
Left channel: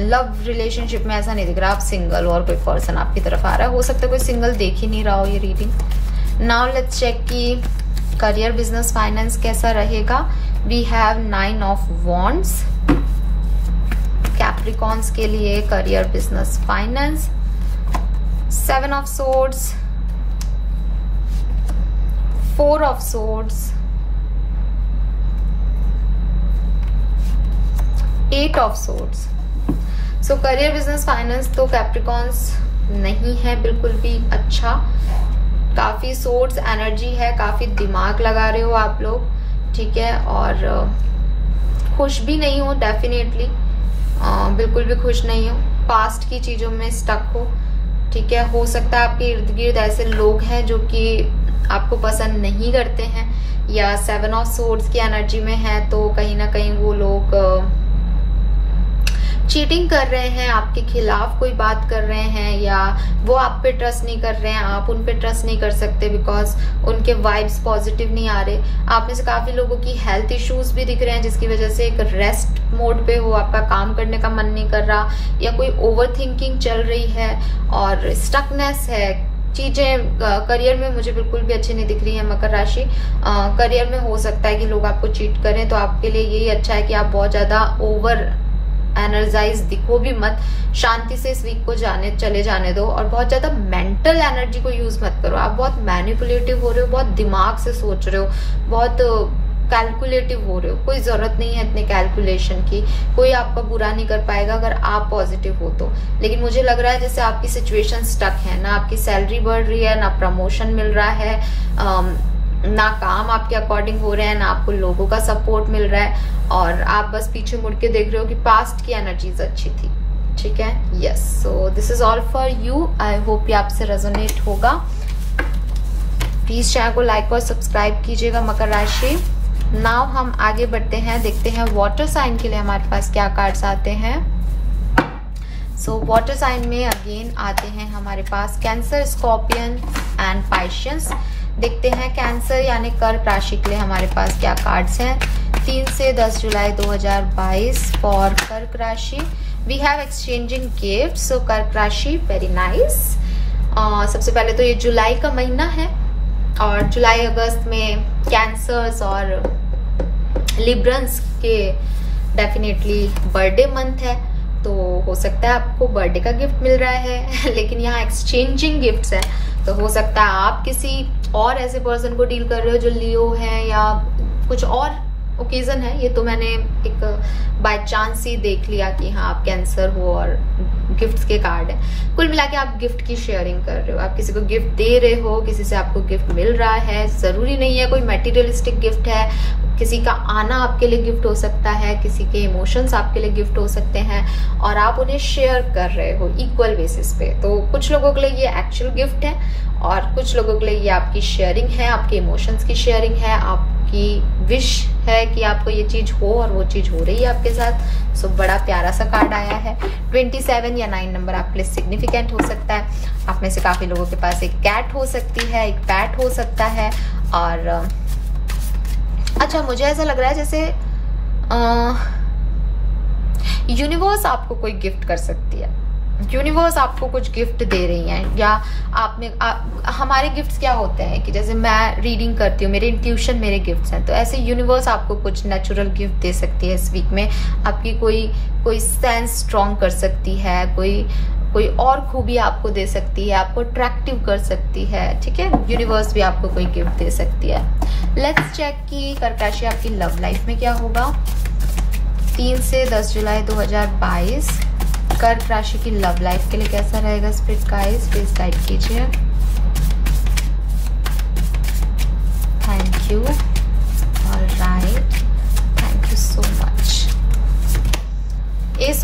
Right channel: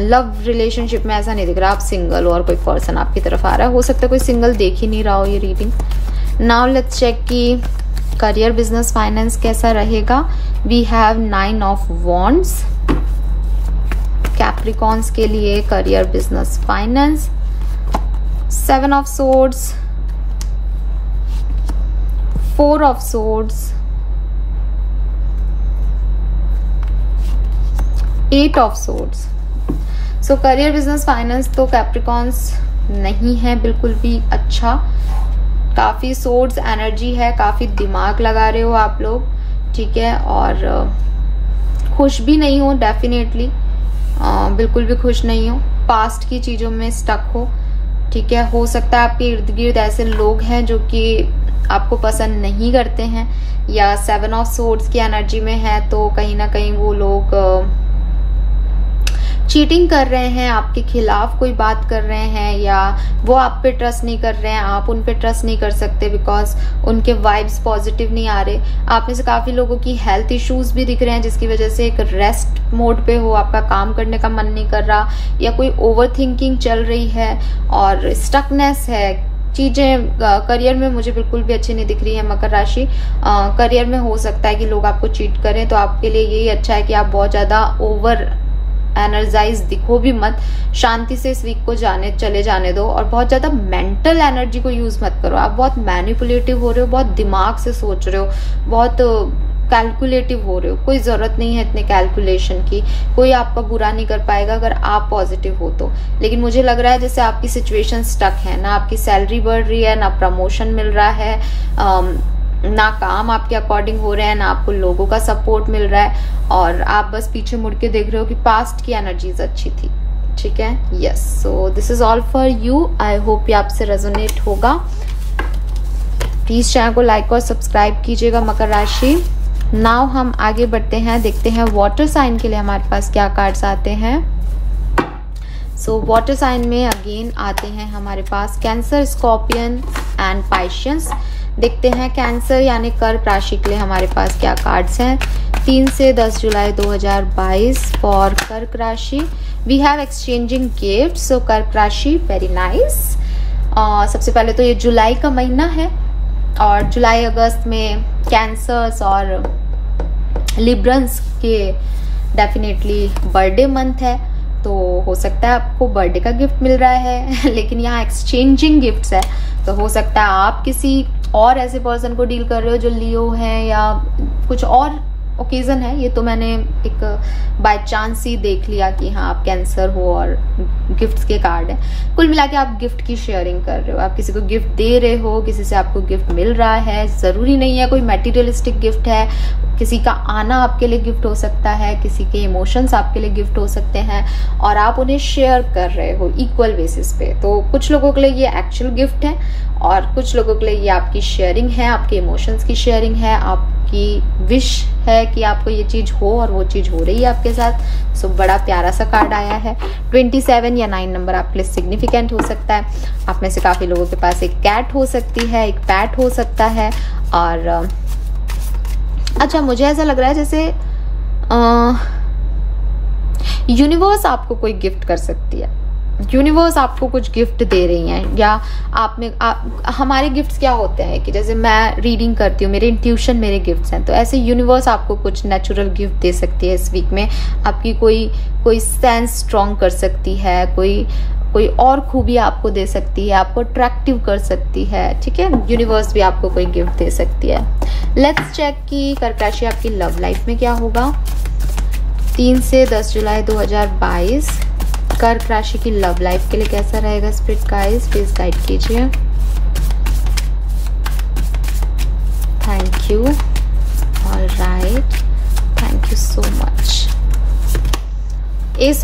लव रिलेशनशिप में ऐसा नहीं दिख रहा आप सिंगल हो और कोई पर्सन आपकी तरफ आ रहा है। हो सकता है कोई सिंगल देख ही नहीं रहा हो ये रीडिंग। नाउ लेट्स चेक कि करियर, बिजनेस, फाइनेंस कैसा रहेगा। We have 9 of wands Capricorns के लिए, career, business, finance, 7 of swords, 4 of swords, 8 of swords. So career, business, finance तो कैप्रिकॉन्स नहीं है बिल्कुल भी अच्छा। काफी सोर्ड्स एनर्जी है, काफी दिमाग लगा रहे हो आप लोग, ठीक है, और खुश भी नहीं हो डेफिनेटली, बिल्कुल भी खुश नहीं हो, पास्ट की चीजों में स्टक हो, ठीक है। हो सकता है आपके इर्द गिर्द ऐसे लोग हैं जो कि आपको पसंद नहीं करते हैं, या 7 ऑफ सोर्ड्स की एनर्जी में है तो कहीं ना कहीं वो लोग चीटिंग कर रहे हैं, आपके खिलाफ कोई बात कर रहे हैं, या वो आप पे ट्रस्ट नहीं कर रहे हैं, आप उन पे ट्रस्ट नहीं कर सकते बिकॉज उनके वाइब्स पॉजिटिव नहीं आ रहे। आप में से काफी लोगों की हेल्थ इश्यूज भी दिख रहे हैं, जिसकी वजह से एक रेस्ट मोड पे हो, आपका काम करने का मन नहीं कर रहा, या कोई ओवर थिंकिंग चल रही है और स्टकनेस है। चीजें करियर में मुझे बिल्कुल भी अच्छी नहीं दिख रही है मकर राशि। करियर में हो सकता है कि लोग आपको चीट करें, तो आपके लिए यही अच्छा है कि आप बहुत ज्यादा ओवर एनर्जाइज दिखो भी मत, शांति से इस वीक को चले जाने दो, और बहुत ज्यादा मेंटल एनर्जी को यूज मत करो। आप बहुत मैनिपुलेटिव हो रहे हो, बहुत दिमाग से सोच रहे हो, बहुत कैलकुलेटिव हो रहे हो। कोई जरूरत नहीं है इतने कैलकुलेशन की, कोई आपका बुरा नहीं कर पाएगा अगर आप पॉजिटिव हो तो। लेकिन मुझे लग रहा है जैसे आपकी सिचुएशन स्टक है, ना आपकी सैलरी बढ़ रही है, ना प्रमोशन मिल रहा है, ना काम आपके अकॉर्डिंग हो रहे हैं, ना आपको लोगों का सपोर्ट मिल रहा है, और आप बस पीछे मुड़ के देख रहे हो कि पास्ट की एनर्जीज अच्छी थी, ठीक है, yes. So this is all for you. I hope ये आपसे रेजोनेट होगा। प्लीज चैनल को लाइक और सब्सक्राइब कीजिएगा मकर राशि। नाउ हम आगे बढ़ते हैं, देखते हैं वाटर साइन के लिए हमारे पास क्या कार्ड्स आते हैं। सो वाटर साइन में अगेन आते हैं हमारे पास कैंसर, स्कॉर्पियन एंड पाइशियंस। देखते हैं कैंसर यानी कर्क राशि के लिए हमारे पास क्या कार्ड्स हैं। 3 से 10 जुलाई 2022 फॉर कर्क राशि। We have exchanging gifts. So कर्क राशि वेरी नाइस। सबसे पहले तो ये जुलाई का महीना है, और जुलाई अगस्त में कैंसर्स और लिब्रंस के डेफिनेटली बर्थडे मंथ है, तो हो सकता है आपको बर्थडे का गिफ्ट मिल रहा है लेकिन यहाँ एक्सचेंजिंग गिफ्ट्स है, तो हो सकता है आप किसी और ऐसे पर्सन को डील कर रहे हो जो लियो है या कुछ और ओकेजन है। ये तो मैंने एक बाय चांस ही देख लिया कि हाँ आप कैंसर हो और गिफ्ट्स के कार्ड है। कुल मिला के आप गिफ्ट की शेयरिंग कर रहे हो, आप किसी को गिफ्ट दे रहे हो, किसी से आपको गिफ्ट मिल रहा है। जरूरी नहीं है कोई मटेरियलिस्टिक गिफ्ट है, किसी का आना आपके लिए गिफ्ट हो सकता है, किसी के इमोशंस आपके लिए गिफ्ट हो सकते हैं, और आप उन्हें शेयर कर रहे हो इक्वल बेसिस पे। तो कुछ लोगों के लिए ये एक्चुअल गिफ्ट है, और कुछ लोगों के लिए ये आपकी शेयरिंग है, आपके इमोशंस की शेयरिंग है, आपकी विश है कि आपको ये चीज हो और वो चीज हो रही है आपके साथ। सो बड़ा प्यारा सा कार्ड आया है। 27 या 9 नंबर आपके लिए सिग्निफिकेंट हो सकता है। आप में से काफी लोगों के पास एक कैट हो सकती है, एक पैट हो सकता है, और अच्छा मुझे ऐसा लग रहा है जैसे यूनिवर्स आपको कोई गिफ्ट कर सकती है, यूनिवर्स आपको कुछ गिफ्ट दे रही हैं, या हमारे गिफ्ट्स क्या होते हैं कि जैसे मैं रीडिंग करती हूँ, मेरे इंट्यूशन मेरे गिफ्ट्स हैं, तो ऐसे यूनिवर्स आपको कुछ नेचुरल गिफ्ट दे सकती है इस वीक में। आपकी कोई सेंस स्ट्रॉन्ग कर सकती है, कोई और खूबी आपको दे सकती है, आपको अट्रैक्टिव कर सकती है, ठीक है। यूनिवर्स भी आपको कोई गिफ्ट दे सकती है। लेट्स चेक कि कर्क राशि आपकी लव लाइफ में क्या होगा। 3 से 10 जुलाई 2022 कर्क राशि की लव लाइफ के लिए कैसा रहेगा स्पिरिट गाइड्स, प्लीज गाइड कीजिए।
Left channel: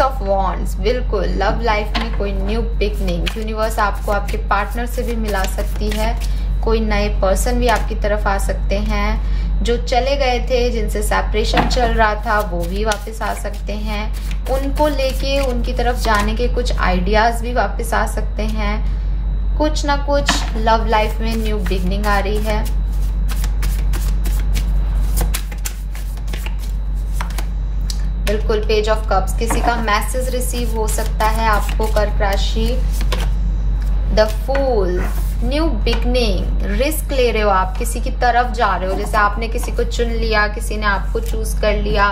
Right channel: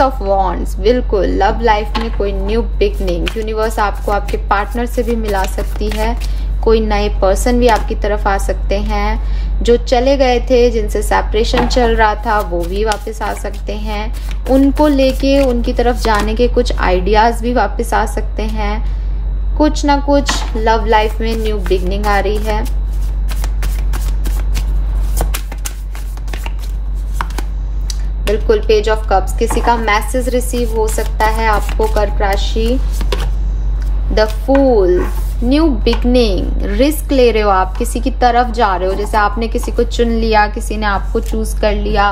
ऑफ वॉन्ड्स, बिल्कुल लव लाइफ में कोई न्यू बिगनिंग, यूनिवर्स आपको आपके पार्टनर से भी मिला सकती है, कोई नए पर्सन भी आपकी तरफ आ सकते हैं, जो चले गए थे जिनसे सेपरेशन चल रहा था वो भी वापस आ सकते हैं, उनको लेके उनकी तरफ जाने के कुछ आइडियाज भी वापस आ सकते हैं, कुछ ना कुछ लव लाइफ में न्यू बिगनिंग आ रही है। बिल्कुल पेज ऑफ कप्स, किसी का मैसेज रिसीव हो सकता है आपको कर्क राशि। The fool, new beginning, risk ले रहे हो आप, किसी की तरफ जा रहे हो, जैसे आपने किसी को चुन लिया, किसी ने आपको चूज कर लिया,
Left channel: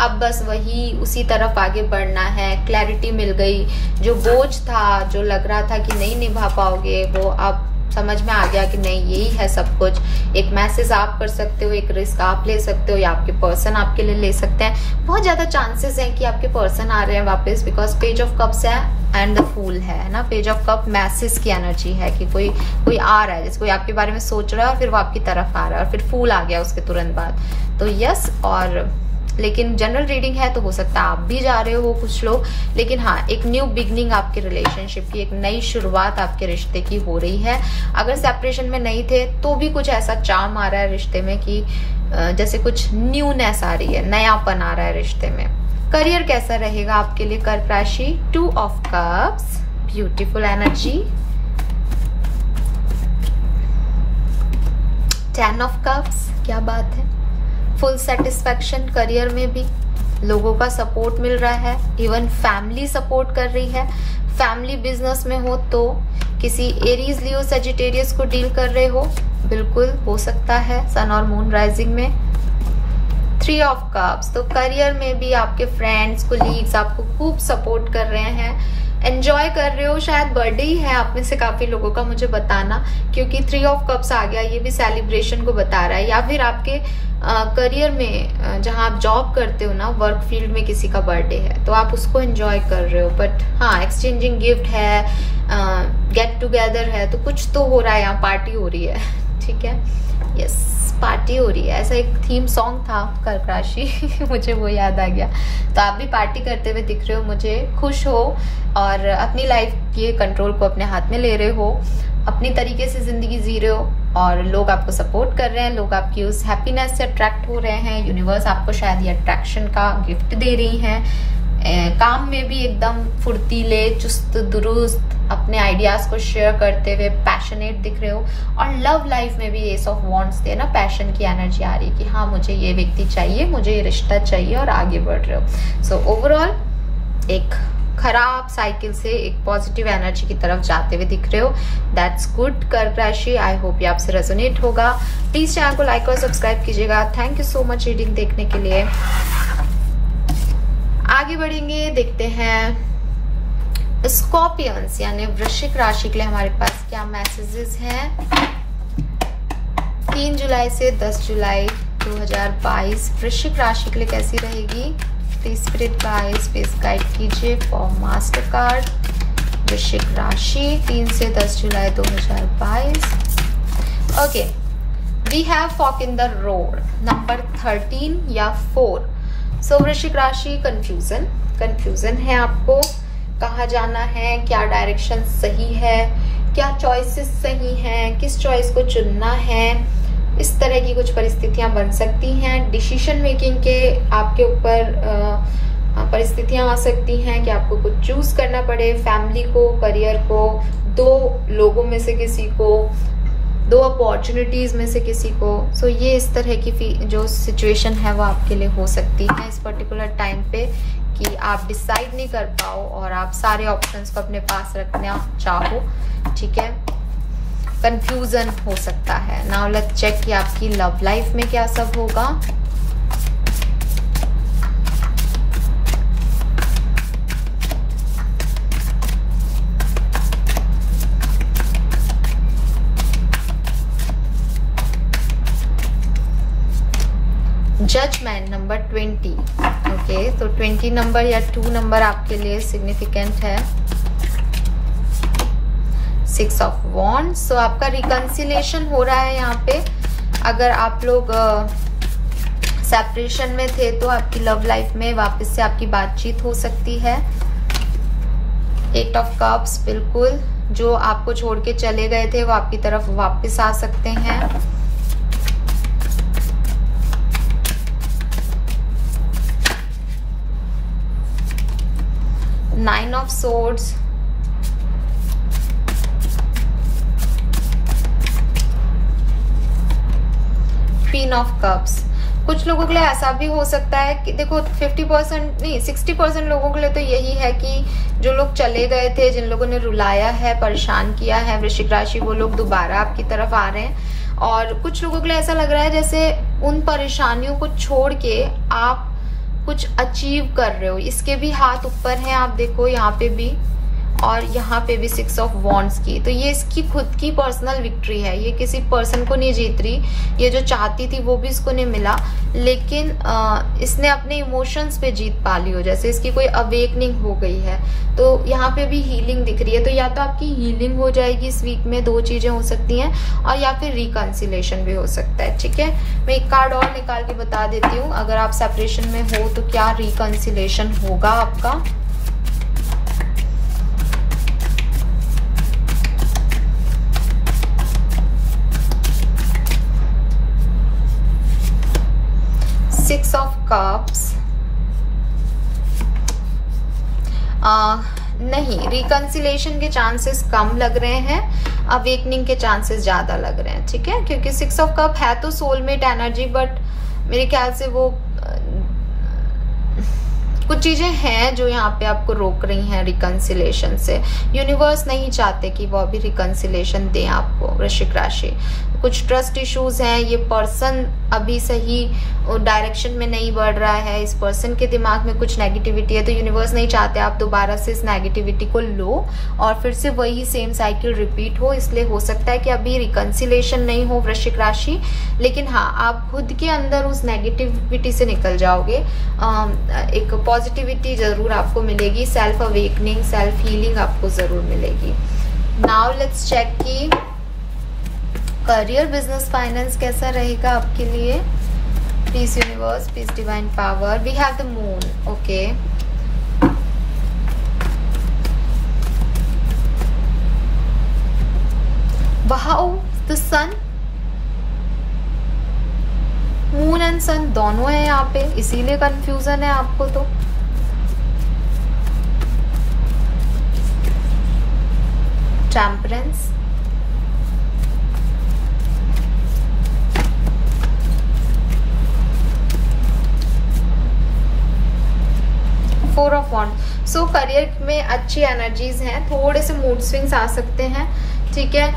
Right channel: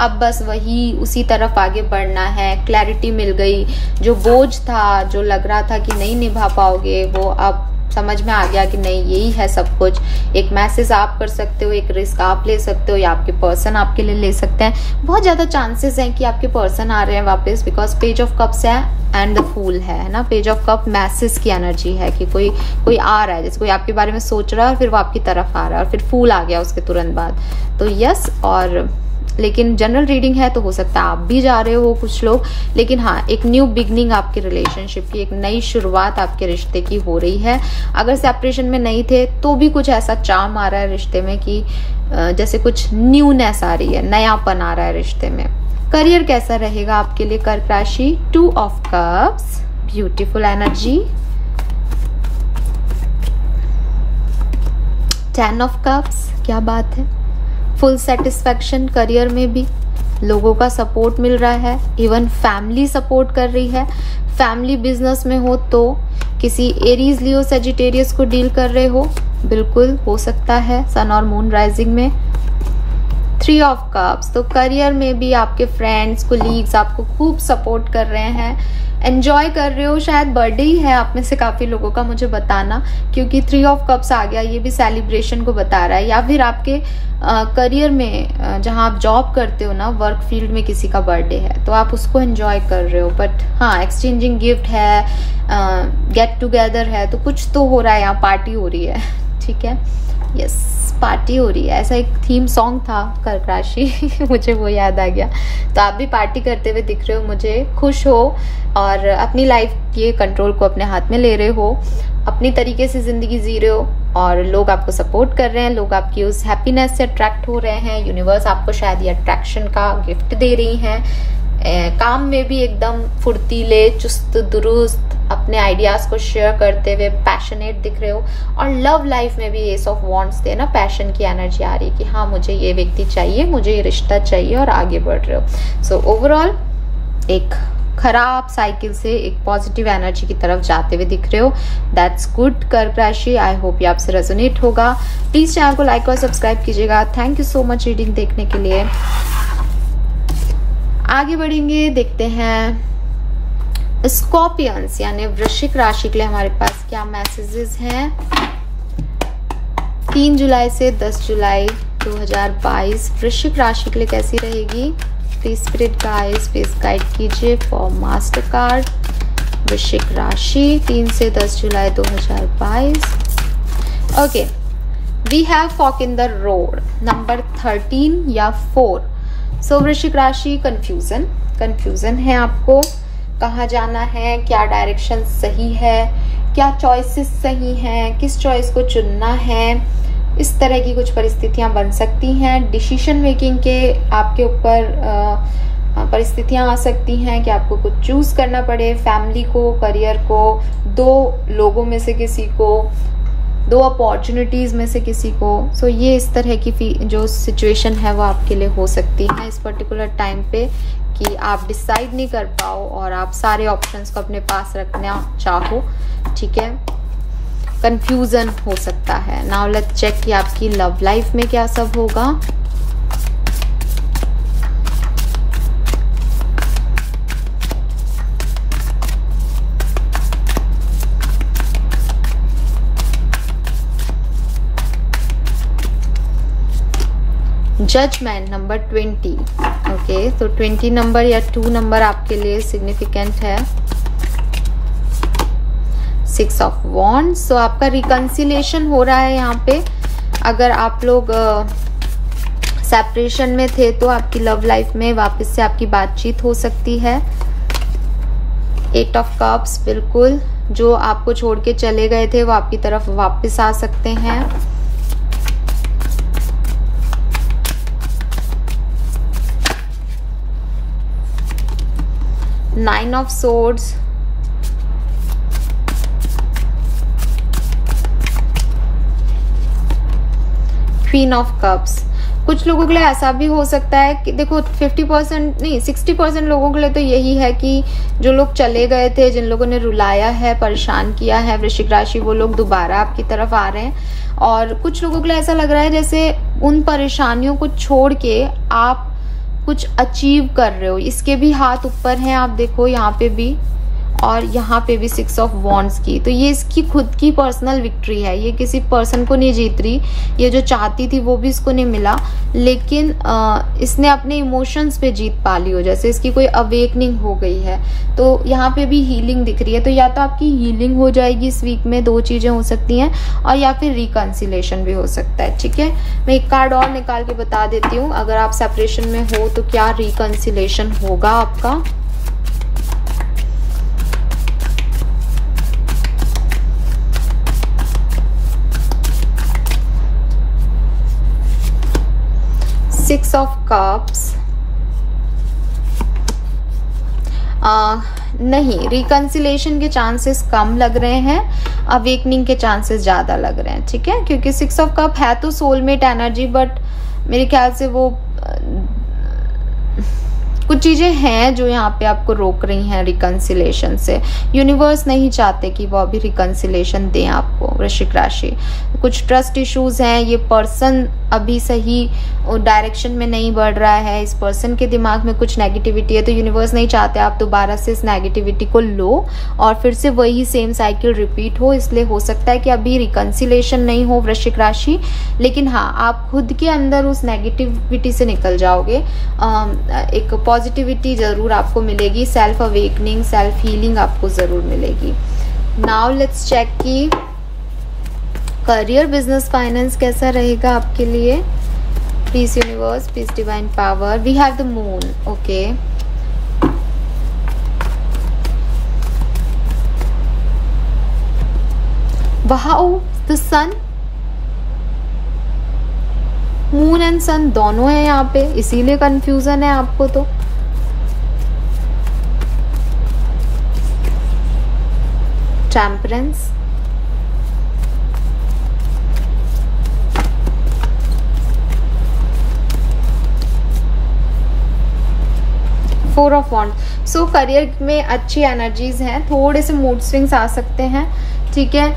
अब बस वही उसी तरफ आगे बढ़ना है, क्लैरिटी मिल गई, जो बोझ था, जो लग रहा था कि नहीं निभा पाओगे, वो अब समझ में आ गया कि नहीं यही है सब कुछ। एक मैसेज आप कर सकते हो, एक रिस्क आप ले सकते हो या आपके पर्सन आपके लिए ले सकते हैं। बहुत ज्यादा चांसेस हैं कि आपके पर्सन आ रहे हैं वापस, बिकॉज पेज ऑफ कप्स है एंड द फूल है ना। पेज ऑफ कप मैसेज की एनर्जी है कि कोई आ रहा है, जैसे कोई आपके बारे में सोच रहा है और फिर वो आपकी तरफ आ रहा है और फिर फूल आ गया उसके तुरंत बाद। तो यस, और लेकिन जनरल रीडिंग है तो हो सकता है आप भी जा रहे हो कुछ लोग, लेकिन हाँ एक न्यू बिगनिंग आपके रिलेशनशिप की, एक नई शुरुआत आपके रिश्ते की हो रही है। अगर सेपरेशन में नहीं थे तो भी कुछ ऐसा चार्म आ रहा है रिश्ते में कि जैसे कुछ न्यूनेस आ रही है, नयापन आ रहा है रिश्ते में। करियर कैसा रहेगा आपके लिए कर्क राशि? 2 of cups, beautiful energy. 10 of cups, क्या बात है, फुल सेटिस्फेक्शन, करियर में भी लोगों का सपोर्ट मिल रहा है, इवन फैमिली सपोर्ट कर रही है। फैमिली बिजनेस में हो तो किसी एरीज, लियो, सेजिटेरियस को डील कर रहे हो, बिल्कुल हो सकता है सन और मून राइजिंग में। 3 ऑफ कप्स, तो करियर में भी आपके फ्रेंड्स, कोलीग्स आपको खूब सपोर्ट कर रहे हैं, एंजॉय कर रहे हो। शायद बर्थडे ही है आप में से काफी लोगों का, मुझे बताना, क्योंकि 3 ऑफ कप्स आ गया, ये भी सेलिब्रेशन को बता रहा है। या फिर आपके करियर में जहां आप जॉब करते हो ना, वर्क फील्ड में किसी का बर्थडे है तो आप उसको एंजॉय कर रहे हो। बट हाँ, एक्सचेंजिंग गिफ्ट है, गेट टुगेदर है, तो कुछ तो हो रहा है, यहाँ पार्टी हो रही है, ठीक है, यस पार्टी हो रही है। ऐसा एक थीम सॉन्ग था कर्क राशि मुझे वो याद आ गया। तो आप भी पार्टी करते हुए दिख रहे हो मुझे, खुश हो और अपनी लाइफ के कंट्रोल को अपने हाथ में ले रहे हो, अपनी तरीके से जिंदगी जी रहे हो और लोग आपको सपोर्ट कर रहे हैं, लोग आपकी उस हैप्पीनेस से अट्रैक्ट हो रहे हैं। यूनिवर्स आपको शायद ये अट्रैक्शन का गिफ्ट दे रही है। काम में भी एकदम फुर्तीले, चुस्त दुरुस्त, अपने आइडियाज को शेयर करते हुए पैशनेट दिख रहे हो। और लव लाइफ में भी एस ऑफ वॉन्ड्स थे ना, पैशन की एनर्जी आ रही है कि हाँ मुझे ये व्यक्ति चाहिए, मुझे ये रिश्ता चाहिए और आगे बढ़ रहे हो। सो ओवरऑल एक खराब साइकिल से एक पॉजिटिव एनर्जी की तरफ जाते हुए दिख रहे हो। दैट्स गुड कर्क राशि। आई होप ये आपसे रेजोनेट होगा। प्लीज चैनल को लाइक और सब्सक्राइब कीजिएगा। Thank you so much reading देखने के लिए। आगे बढ़ेंगे, देखते हैं स्कॉर्पियंस यानी वृश्चिक राशि के लिए हमारे पास क्या मैसेजेस हैं 3 जुलाई से 10 जुलाई 2022 वृश्चिक राशि के लिए कैसी रहेगी। Please spirit guides please guide कीजिए फॉर मास्टर कार्ड वृश्चिक राशि 3 से 10 जुलाई 2022। Okay, we have fork in the road number 13 या 4। सो वृश्चिक राशि कंफ्यूजन है, आपको कहाँ जाना है, क्या डायरेक्शन सही है, क्या चॉइसेस सही हैं, किस चॉइस को चुनना है, इस तरह की कुछ परिस्थितियां बन सकती हैं। डिसीजन मेकिंग के आपके ऊपर परिस्थितियां आ सकती हैं कि आपको कुछ चूज करना पड़े, फैमिली को, करियर को, 2 लोगों में से किसी को, 2 अपॉर्चुनिटीज में से किसी को। सो ये इस तरह की जो सिचुएशन है वो आपके लिए हो सकती है इस पर्टिकुलर टाइम पे कि आप डिसाइड नहीं कर पाओ और आप सारे ऑप्शंस को अपने पास रखना चाहो, ठीक है। कंफ्यूजन हो सकता है। नाउ लेट्स चेक कि आपकी लव लाइफ में क्या सब होगा। Judgement number 20। ओके, तो 20 नंबर या 2 नंबर आपके लिए सिग्निफिकेंट है। 6 ऑफ वॉन्ड्स, तो आपका रिकंसिलिएशन हो रहा है यहाँ पे। अगर आप लोग सेपरेशन में थे तो आपकी लव लाइफ में वापस से आपकी बातचीत हो सकती है। 8 ऑफ कप्स, बिल्कुल जो आपको छोड़ के चले गए थे वो आपकी तरफ वापस आ सकते हैं। 9 of swords, queen of cups. कुछ लोगों के लिए ऐसा भी हो सकता है कि देखो 50% नहीं 60% लोगों के लिए तो यही है कि जो लोग चले गए थे, जिन लोगों ने रुलाया है, परेशान किया है वृश्चिक राशि, वो लोग दोबारा आपकी तरफ आ रहे हैं। और कुछ लोगों के लिए ऐसा लग रहा है जैसे उन परेशानियों को छोड़ के आप कुछ अचीव कर रहे हो। इसके भी हाथ ऊपर हैं, आप देखो यहाँ पे भी और यहाँ पे भी 6 ऑफ वॉन्ड्स की। तो ये इसकी खुद की पर्सनल विक्ट्री है, ये किसी पर्सन को नहीं जीत रही। ये जो चाहती थी वो भी इसको नहीं मिला, लेकिन इसने अपने इमोशंस पे जीत पा ली हो, जैसे इसकी कोई अवेकनिंग हो गई है। तो यहाँ पे भी हीलिंग दिख रही है। तो या तो आपकी हीलिंग हो जाएगी इस वीक में, 2 चीजें हो सकती हैं, और या फिर रिकंसिलेशन भी हो सकता है। ठीक है, मैं एक कार्ड और निकाल के बता देती हूँ। अगर आप सेपरेशन में हो तो क्या रिकंसिलेशन होगा आपका। Six of Cups, नहीं, रिकंसिलेशन के चांसेस कम लग रहे हैं, अवेकनिंग के चांसेस ज्यादा लग रहे हैं। ठीक है, क्योंकि 6 ऑफ कप है तो सोलमेट एनर्जी, बट मेरे ख्याल से वो कुछ चीजें हैं जो यहाँ पे आपको रोक रही हैं रिकंसिलेशन से। यूनिवर्स नहीं चाहते कि वो अभी रिकंसिलेशन दें आपको वृश्चिक राशि। कुछ ट्रस्ट इश्यूज हैं, ये पर्सन अभी सही डायरेक्शन में नहीं बढ़ रहा है, इस पर्सन के दिमाग में कुछ नेगेटिविटी है। तो यूनिवर्स नहीं चाहते आप दोबारा से इस नेगेटिविटी को लो और फिर से वही सेम साइकिल रिपीट हो। इसलिए हो सकता है कि अभी रिकंसिलेशन नहीं हो वृश्चिक राशि, लेकिन हाँ, आप खुद के अंदर उस नेगेटिविटी से निकल जाओगे। एक पॉजिटिविटी जरूर आपको मिलेगी, सेल्फ अवेकनिंग, सेल्फ हीलिंग आपको जरूर मिलेगी। नाउ लेट्स चेक की करियर, बिजनेस, फाइनेंस कैसा रहेगा आपके लिए। Peace universe, peace divine power, we have the moon. Okay, wow, the sun, moon and sun दोनों है यहाँ पे, इसीलिए कंफ्यूजन है आपको। तो temperance, four of wand. So career में अच्छी एनर्जीज हैं, थोड़े से मूड स्विंग्स आ सकते हैं। ठीक है,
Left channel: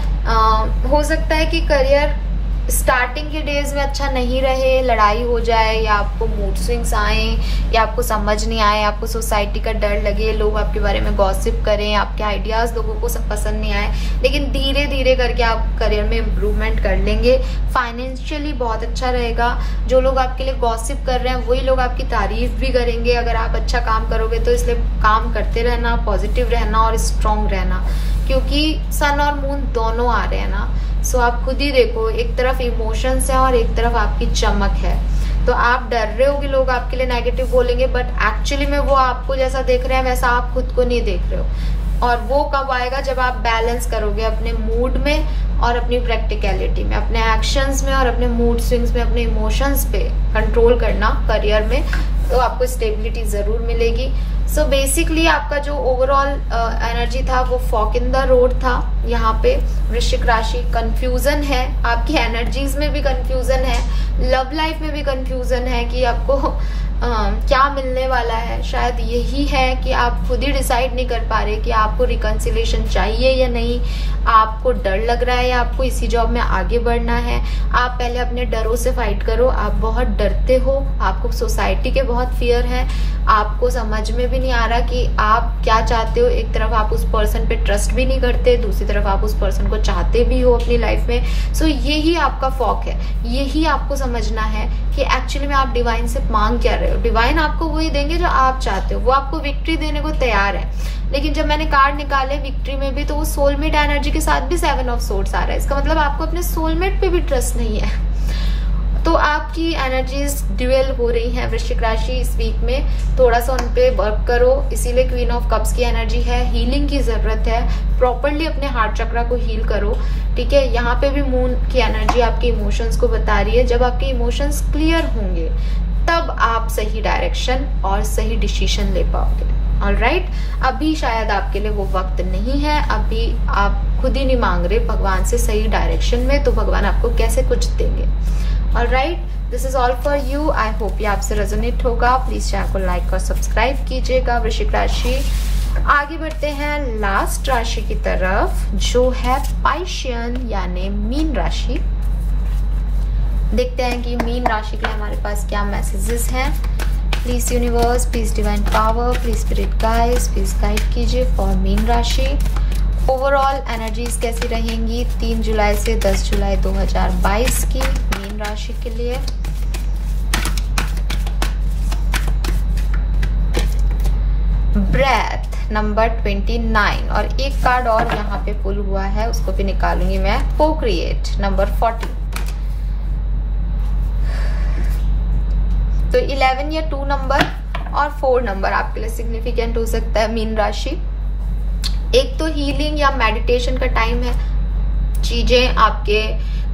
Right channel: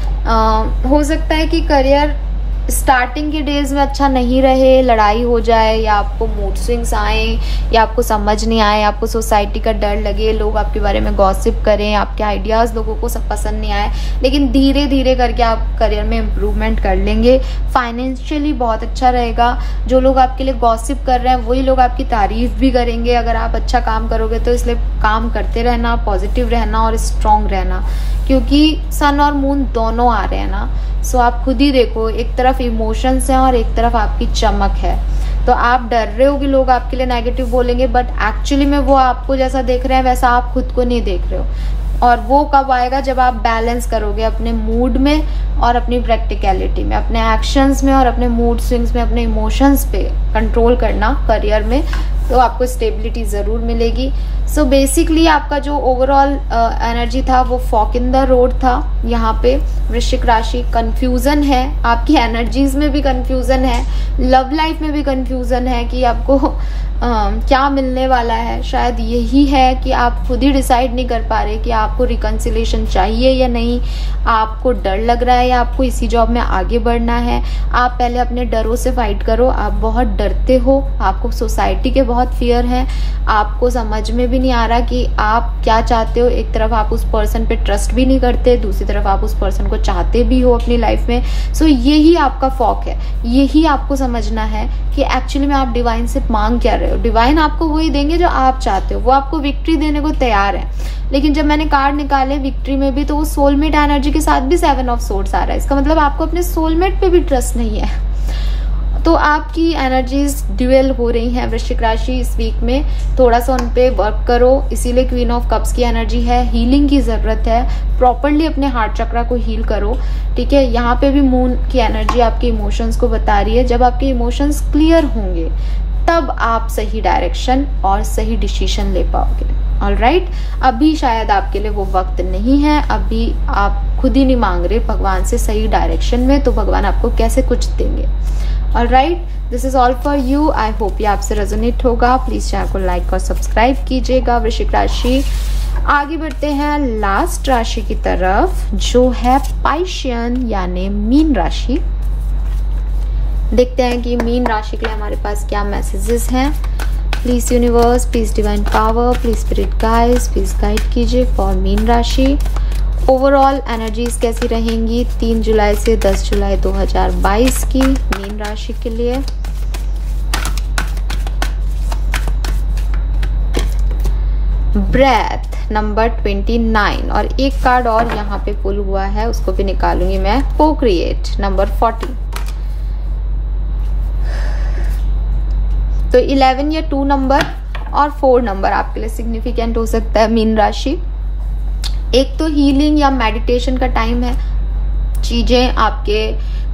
हो सकता है कि करियर स्टार्टिंग के डेज में अच्छा नहीं रहे, लड़ाई हो जाए, या आपको मूड स्विंग्स आए, या आपको समझ नहीं आए, आपको सोसाइटी का डर लगे, लोग आपके बारे में गॉसिप करें, आपके आइडियाज लोगों को सब पसंद नहीं आए। लेकिन धीरे धीरे करके आप करियर में इम्प्रूवमेंट कर लेंगे। फाइनेंशियली बहुत अच्छा रहेगा। जो लोग आपके लिए गॉसिप कर रहे हैं वही लोग आपकी तारीफ भी करेंगे अगर आप अच्छा काम करोगे। तो इसलिए काम करते रहना, पॉजिटिव रहना और स्ट्रांग रहना, क्योंकि सन और मून दोनों आ रहे हैं ना। सो आप खुद ही देखो, एक तरफ इमोशंस है और एक तरफ आपकी चमक है। तो आप डर रहे हो कि लोग आपके लिए नेगेटिव बोलेंगे, बट एक्चुअली में वो आपको जैसा देख रहे हैं वैसा आप खुद को नहीं देख रहे हो। और वो कब आएगा, जब आप बैलेंस करोगे अपने मूड में और अपनी प्रैक्टिकलिटी में, अपने एक्शंस में और अपने मूड स्विंग्स में, अपने इमोशंस पे कंट्रोल करना करियर में, तो आपको स्टेबिलिटी जरूर मिलेगी। सो बेसिकली आपका जो ओवरऑल एनर्जी था वो फॉक इन द रोड था। यहाँ पे वृश्चिक राशि कंफ्यूजन है, आपकी एनर्जीज में भी कंफ्यूजन है, लव लाइफ में भी कंफ्यूजन है कि आपको क्या मिलने वाला है। शायद यही है कि आप खुद ही डिसाइड नहीं कर पा रहे कि आपको रिकंसिलेशन चाहिए या नहीं, आपको डर लग रहा है या आपको इसी जॉब में आगे बढ़ना है। आप पहले अपने डरों से फाइट करो। आप बहुत डरते हो, आपको सोसाइटी के बहुत फियर है, आपको समझ में भी नहीं आ रहा कि आप क्या चाहते हो। एक तरफ आप उस पर्सन पे ट्रस्ट भी नहीं करते, दूसरी तरफ आप उस पर्सन को चाहते भी हो अपनी लाइफ में। सो यही आपका फॉक है, यही आपको समझना है कि एक्चुअली में आप डिवाइन से मांग क्या रहे हो। डिवाइन आपको वही देंगे जो आप चाहते हो, वो आपको विक्ट्री देने को तैयार है। लेकिन जब मैंने कार्ड निकाले विक्ट्री में भी, तो वो सोलमेट एनर्जी के साथ भी 7 ऑफ सोर्ड्स आ रहा है। इसका मतलब आपको अपने सोलमेट पे भी ट्रस्ट नहीं है। तो आपकी एनर्जीज ड्यूअल हो रही हैं वृश्चिक राशि इस वीक में, थोड़ा सा उन पे वर्क करो। इसीलिए क्वीन ऑफ कप्स की एनर्जी है, हीलिंग की जरूरत है, प्रॉपरली अपने हार्ट चक्रा को हील करो, ठीक है। यहाँ पे भी मून की एनर्जी आपके इमोशंस को बता रही है। जब आपके इमोशंस क्लियर होंगे तब आप सही डायरेक्शन और सही डिसीजन ले पाओगे। ऑलराइट, अभी शायद आपके लिए वो वक्त नहीं है, अभी आप खुद ही नहीं मांग रहे भगवान से सही डायरेक्शन में, तो भगवान आपको कैसे कुछ देंगे। Alright, this is all for you. I hope ये आपसे रेजोनेट होगा। प्लीज चैनल को लाइक और सब्सक्राइब कीजिएगा। वृश्चिक राशि, आगे बढ़ते हैं लास्ट राशि की तरफ जो है पाइशियन यानी मीन राशि। देखते हैं कि मीन राशि के लिए हमारे पास क्या मैसेजेस हैं। Please universe, please divine power, please spirit guides, please guide कीजिए फॉर मीन राशि। ओवरऑल एनर्जीज कैसी रहेंगी 3 जुलाई से 10 जुलाई 2022 की मीन राशि के लिए। ब्रेथ नंबर 29 और एक कार्ड और यहाँ पे पुल हुआ है, उसको भी निकालूंगी मैं। को-क्रिएट नंबर 40। तो 11 या 2 नंबर और 4 नंबर आपके लिए सिग्निफिकेंट हो सकता है मीन राशि। एक तो हीलिंग या मेडिटेशन का टाइम है, चीजें आपके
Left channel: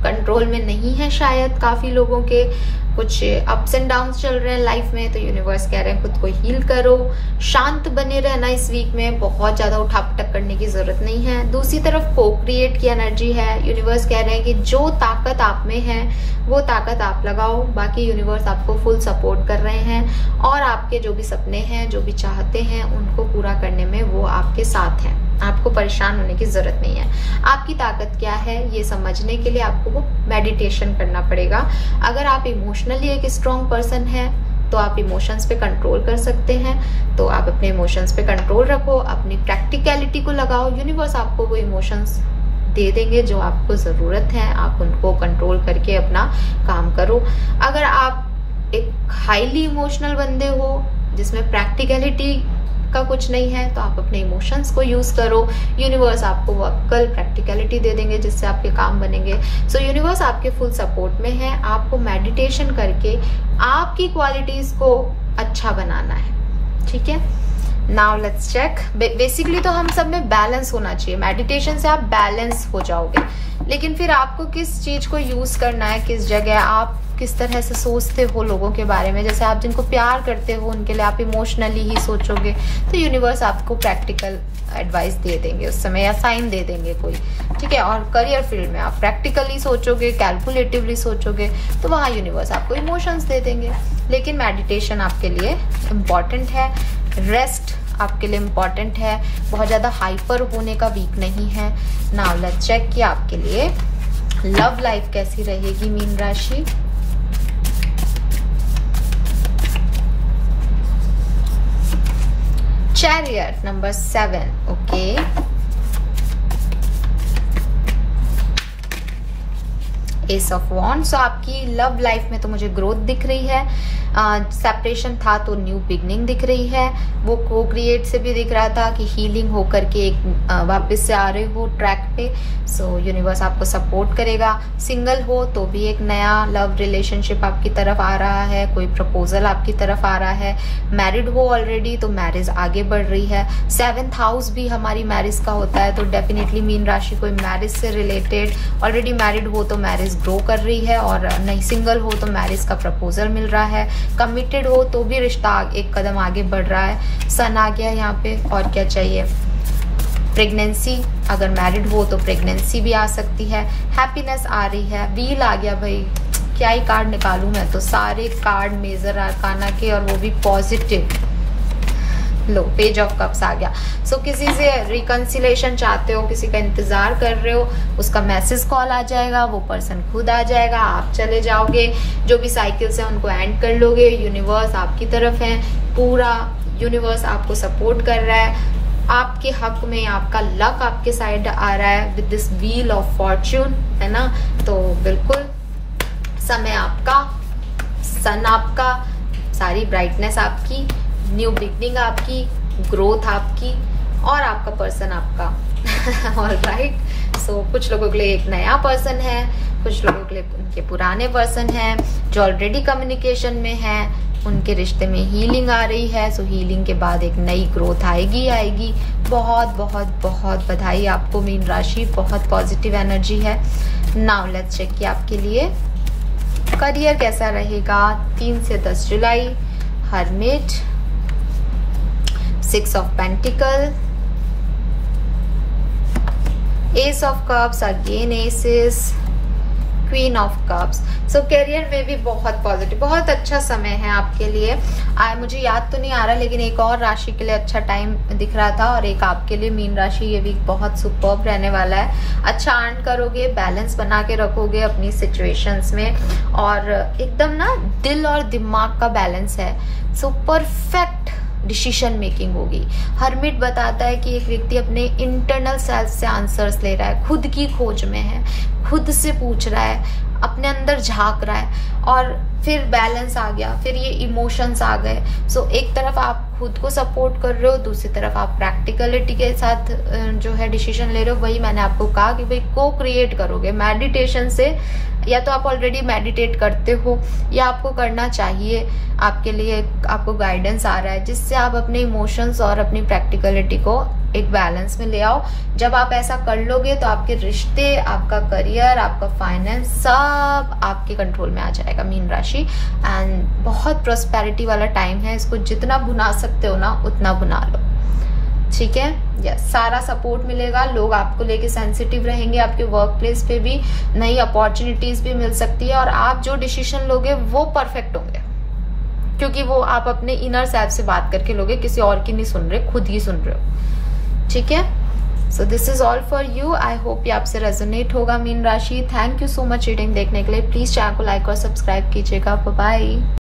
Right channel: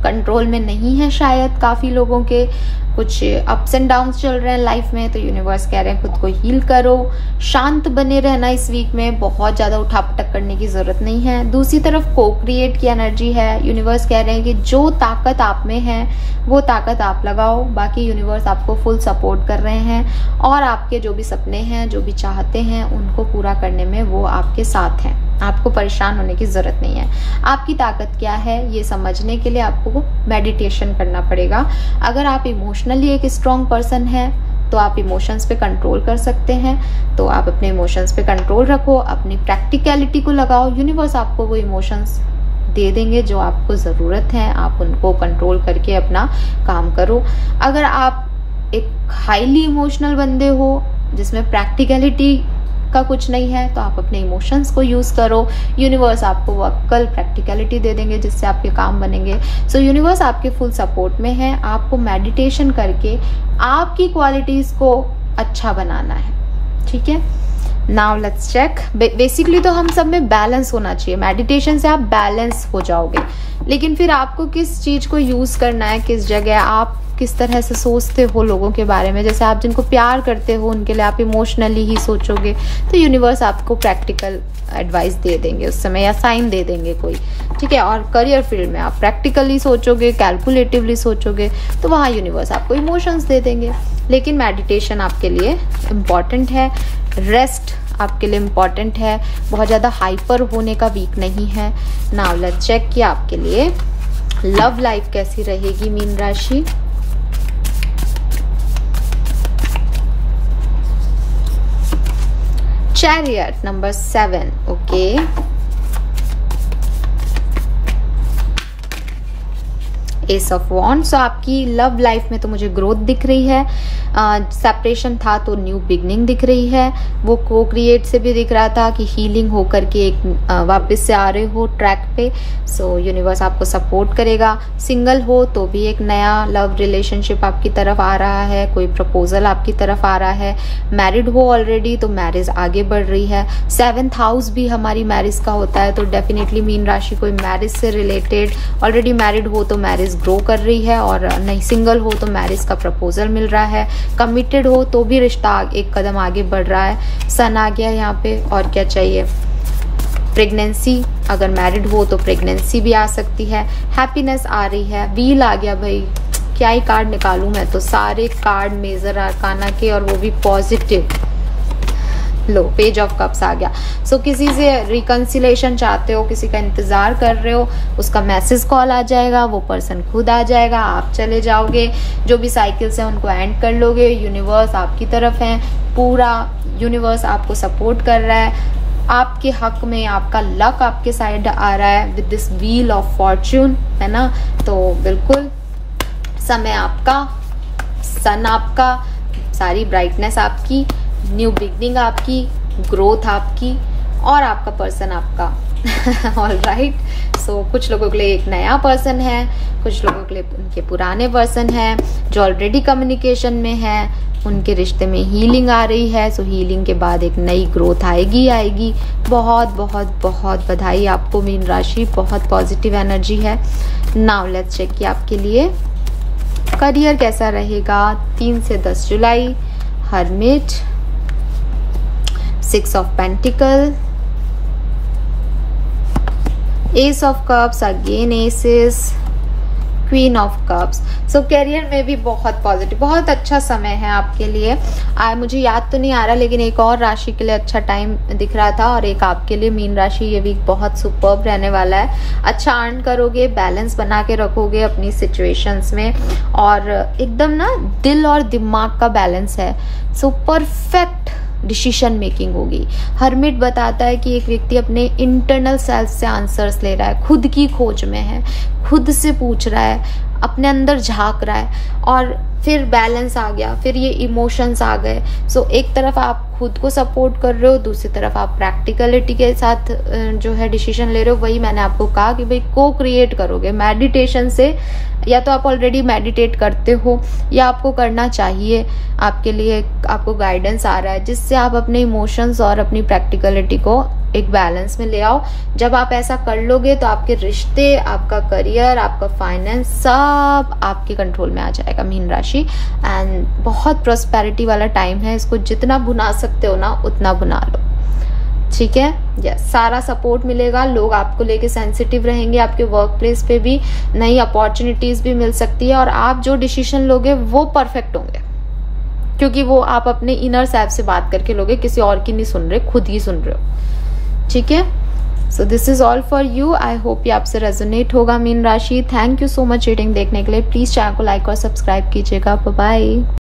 कंट्रोल में नहीं है, शायद काफी लोगों के कुछ अप्स एंड डाउन्स चल रहे हैं लाइफ में, तो यूनिवर्स कह रहे हैं खुद को हील करो, शांत बने रहना इस वीक में, बहुत ज्यादा उठापटक करने की जरूरत नहीं है। दूसरी तरफ को-क्रिएट की एनर्जी है, यूनिवर्स कह रहे हैं कि जो ताकत आप में है वो ताकत आप लगाओ, बाकी यूनिवर्स आपको फुल सपोर्ट कर रहे हैं और आपके जो भी सपने हैं, जो भी चाहते हैं, उनको पूरा करने में वो आपके साथ हैं। आपको परेशान होने की जरूरत नहीं है। आपकी ताकत क्या है ये समझने के लिए आपको मेडिटेशन करना पड़ेगा। अगर आप इमोशनली एक स्ट्रॉन्ग पर्सन है तो आप इमोशंस पे कंट्रोल कर सकते हैं, तो आप अपने इमोशंस पे कंट्रोल रखो, अपनी प्रैक्टिकलिटी को लगाओ, यूनिवर्स आपको वो इमोशंस दे देंगे जो आपको जरूरत है, आप उनको कंट्रोल करके अपना काम करो। अगर आप एक हाईली इमोशनल बंदे हो जिसमें प्रैक्टिकलिटी का कुछ नहीं है, तो आप अपने इमोशंस को यूज करो, यूनिवर्स आपको वो अक्ल प्रैक्टिकलिटी दे देंगे जिससे आपके काम बनेंगे। सो यूनिवर्स आपके फुल सपोर्ट में है। आपको मेडिटेशन करके आपकी क्वालिटीज को अच्छा बनाना है, ठीक है। Now let's check. बेसिकली तो हम सब में बैलेंस होना चाहिए, मेडिटेशन से आप बैलेंस हो जाओगे, लेकिन फिर आपको किस चीज को यूज करना है, किस जगह आप किस तरह से सोचते हो लोगों के बारे में। जैसे आप जिनको प्यार करते हो उनके लिए आप इमोशनली ही सोचोगे, तो यूनिवर्स आपको प्रैक्टिकल एडवाइस दे देंगे उस समय, या साइन दे देंगे कोई, ठीक है। और करियर फील्ड में आप प्रैक्टिकली सोचोगे, कैलकुलेटिवली सोचोगे, तो वहां यूनिवर्स आपको इमोशंस दे देंगे। लेकिन मेडिटेशन आपके लिए इम्पोर्टेंट है, रेस्ट आपके लिए इम्पोर्टेंट है, बहुत ज्यादा हाइपर होने का वीक नहीं है। नाउ लेट्स चेक कि आपके लिए लव लाइफ कैसी रहेगी मीन राशि। Chariot number 7, okay. Ace of wand. So आपकी लव लाइफ में तो मुझे ग्रोथ दिख रही है, सेपरेशन था तो न्यू बिगनिंग दिख रही है। वो को-क्रिएट से भी दिख रहा था कि हीलिंग होकर के एक वापस से आ रहे हो ट्रैक पे। सो यूनिवर्स आपको सपोर्ट करेगा। सिंगल हो तो भी एक नया लव रिलेशनशिप आपकी तरफ आ रहा है, कोई प्रपोजल आपकी तरफ आ रहा है। मैरिड हो ऑलरेडी तो मैरिज आगे बढ़ रही है। 7th हाउस भी हमारी मैरिज का होता है, तो डेफिनेटली मीन राशि कोई मैरिज से रिलेटेड, ऑलरेडी मैरिड हो तो मैरिज ग्रो कर रही है, और नहीं सिंगल हो तो मैरिज का प्रपोजल मिल रहा है। कमिटेड हो तो भी रिश्ता एक कदम आगे बढ़ रहा है। सन आ गया यहाँ पे, और क्या चाहिए। प्रेगनेंसी, अगर मैरिड हो तो प्रेगनेंसी भी आ सकती है। हैप्पीनेस आ रही है। व्हील आ गया भाई, क्या ही कार्ड निकालूं मैं तो, सारे कार्ड मेजर आर्काना के, और वो भी पॉजिटिव। लो, पेज ऑफ कप्स आ गया। सो किसी से रिकंसिलेशन चाहते हो, किसी का इंतजार कर रहे हो, उसका मैसेज कॉल आ जाएगा, वो पर्सन खुद आ जाएगा, आप चले जाओगे, जो भी साइकिल्स है उनको एंड कर लोगे। यूनिवर्स आपकी तरफ है, पूरा यूनिवर्स आपको सपोर्ट कर रहा है, आपके हक में, आपका लक आपके साइड आ रहा है with this wheel of Fortune, है ना। तो बिल्कुल समय आपका, सन आपका, सारी ब्राइटनेस आपकी, न्यू बिगनिंग आपकी, ग्रोथ आपकी, और आपका पर्सन आपका। ऑलराइट, सो कुछ लोगों के लिए एक नया पर्सन है, कुछ लोगों के लिए उनके पुराने पर्सन है जो ऑलरेडी कम्युनिकेशन में है, उनके रिश्ते में हीलिंग आ रही है। सो हीलिंग के बाद एक नई ग्रोथ आएगी। बहुत बहुत बहुत बधाई आपको मीन राशि, बहुत पॉजिटिव एनर्जी है। नाउ लेट्स चेक कि आपके लिए करियर कैसा रहेगा 3 से 10 जुलाई। Hermit, 6 of pentacle, ace of cups, again aces, queen of cups. So career में भी बहुत पॉजिटिव, बहुत अच्छा समय है आपके लिए। मुझे याद तो नहीं आ रहा, लेकिन एक और राशि के लिए अच्छा टाइम दिख रहा था और एक आपके लिए मीन राशि। ये वीक बहुत सुपर्ब रहने वाला है। अच्छा अर्न करोगे, बैलेंस बना के रखोगे अपनी सिचुएशंस में, और एकदम ना दिल और दिमाग का बैलेंस है। सो परफेक्ट डिसीजन मेकिंग होगी। हर्मिट बताता है कि एक व्यक्ति अपने इंटरनल सेल्फ से आंसर्स ले रहा है, खुद की खोज में है, खुद से पूछ रहा है, अपने अंदर झांक रहा है, और फिर बैलेंस आ गया, फिर ये इमोशंस आ गए। सो एक तरफ आप खुद को सपोर्ट कर रहे हो, दूसरी तरफ आप प्रैक्टिकलिटी के साथ जो है डिसीजन ले रहे हो। वही मैंने आपको कहा कि भाई को क्रिएट करोगे मेडिटेशन से, या तो आप ऑलरेडी मेडिटेट करते हो या आपको करना चाहिए। आपके लिए आपको गाइडेंस आ रहा है जिससे आप अपने इमोशंस और अपनी प्रैक्टिकलिटी को एक बैलेंस में ले आओ। जब आप ऐसा कर लोगे तो आपके रिश्ते, आपका करियर, आपका फाइनेंस सब आपके कंट्रोल में आ जाएगा मीन राशि। एंड बहुत प्रोस्पेरिटी वाला टाइम है, इसको जितना भुना सकते हो ना उतना भुना लो, ठीक है। यस, सारा सपोर्ट मिलेगा, लोग आपको लेके सेंसिटिव रहेंगे, आपके वर्क प्लेस पे भी नई अपॉर्चुनिटीज भी मिल सकती है, और आप जो डिसीजन लोगे वो परफेक्ट होंगे, क्योंकि वो आप अपने इनर सेल्फ से बात करके लोगे, किसी और की नहीं सुन रहे, खुद ही सुन रहे हो, ठीक है। So this is all for you. I hope ये आपसे रेजोनेट होगा मीन राशि। Thank you so much reading देखने के लिए। प्लीज चैनल को लाइक और सब्सक्राइब कीजिएगा। Bye bye.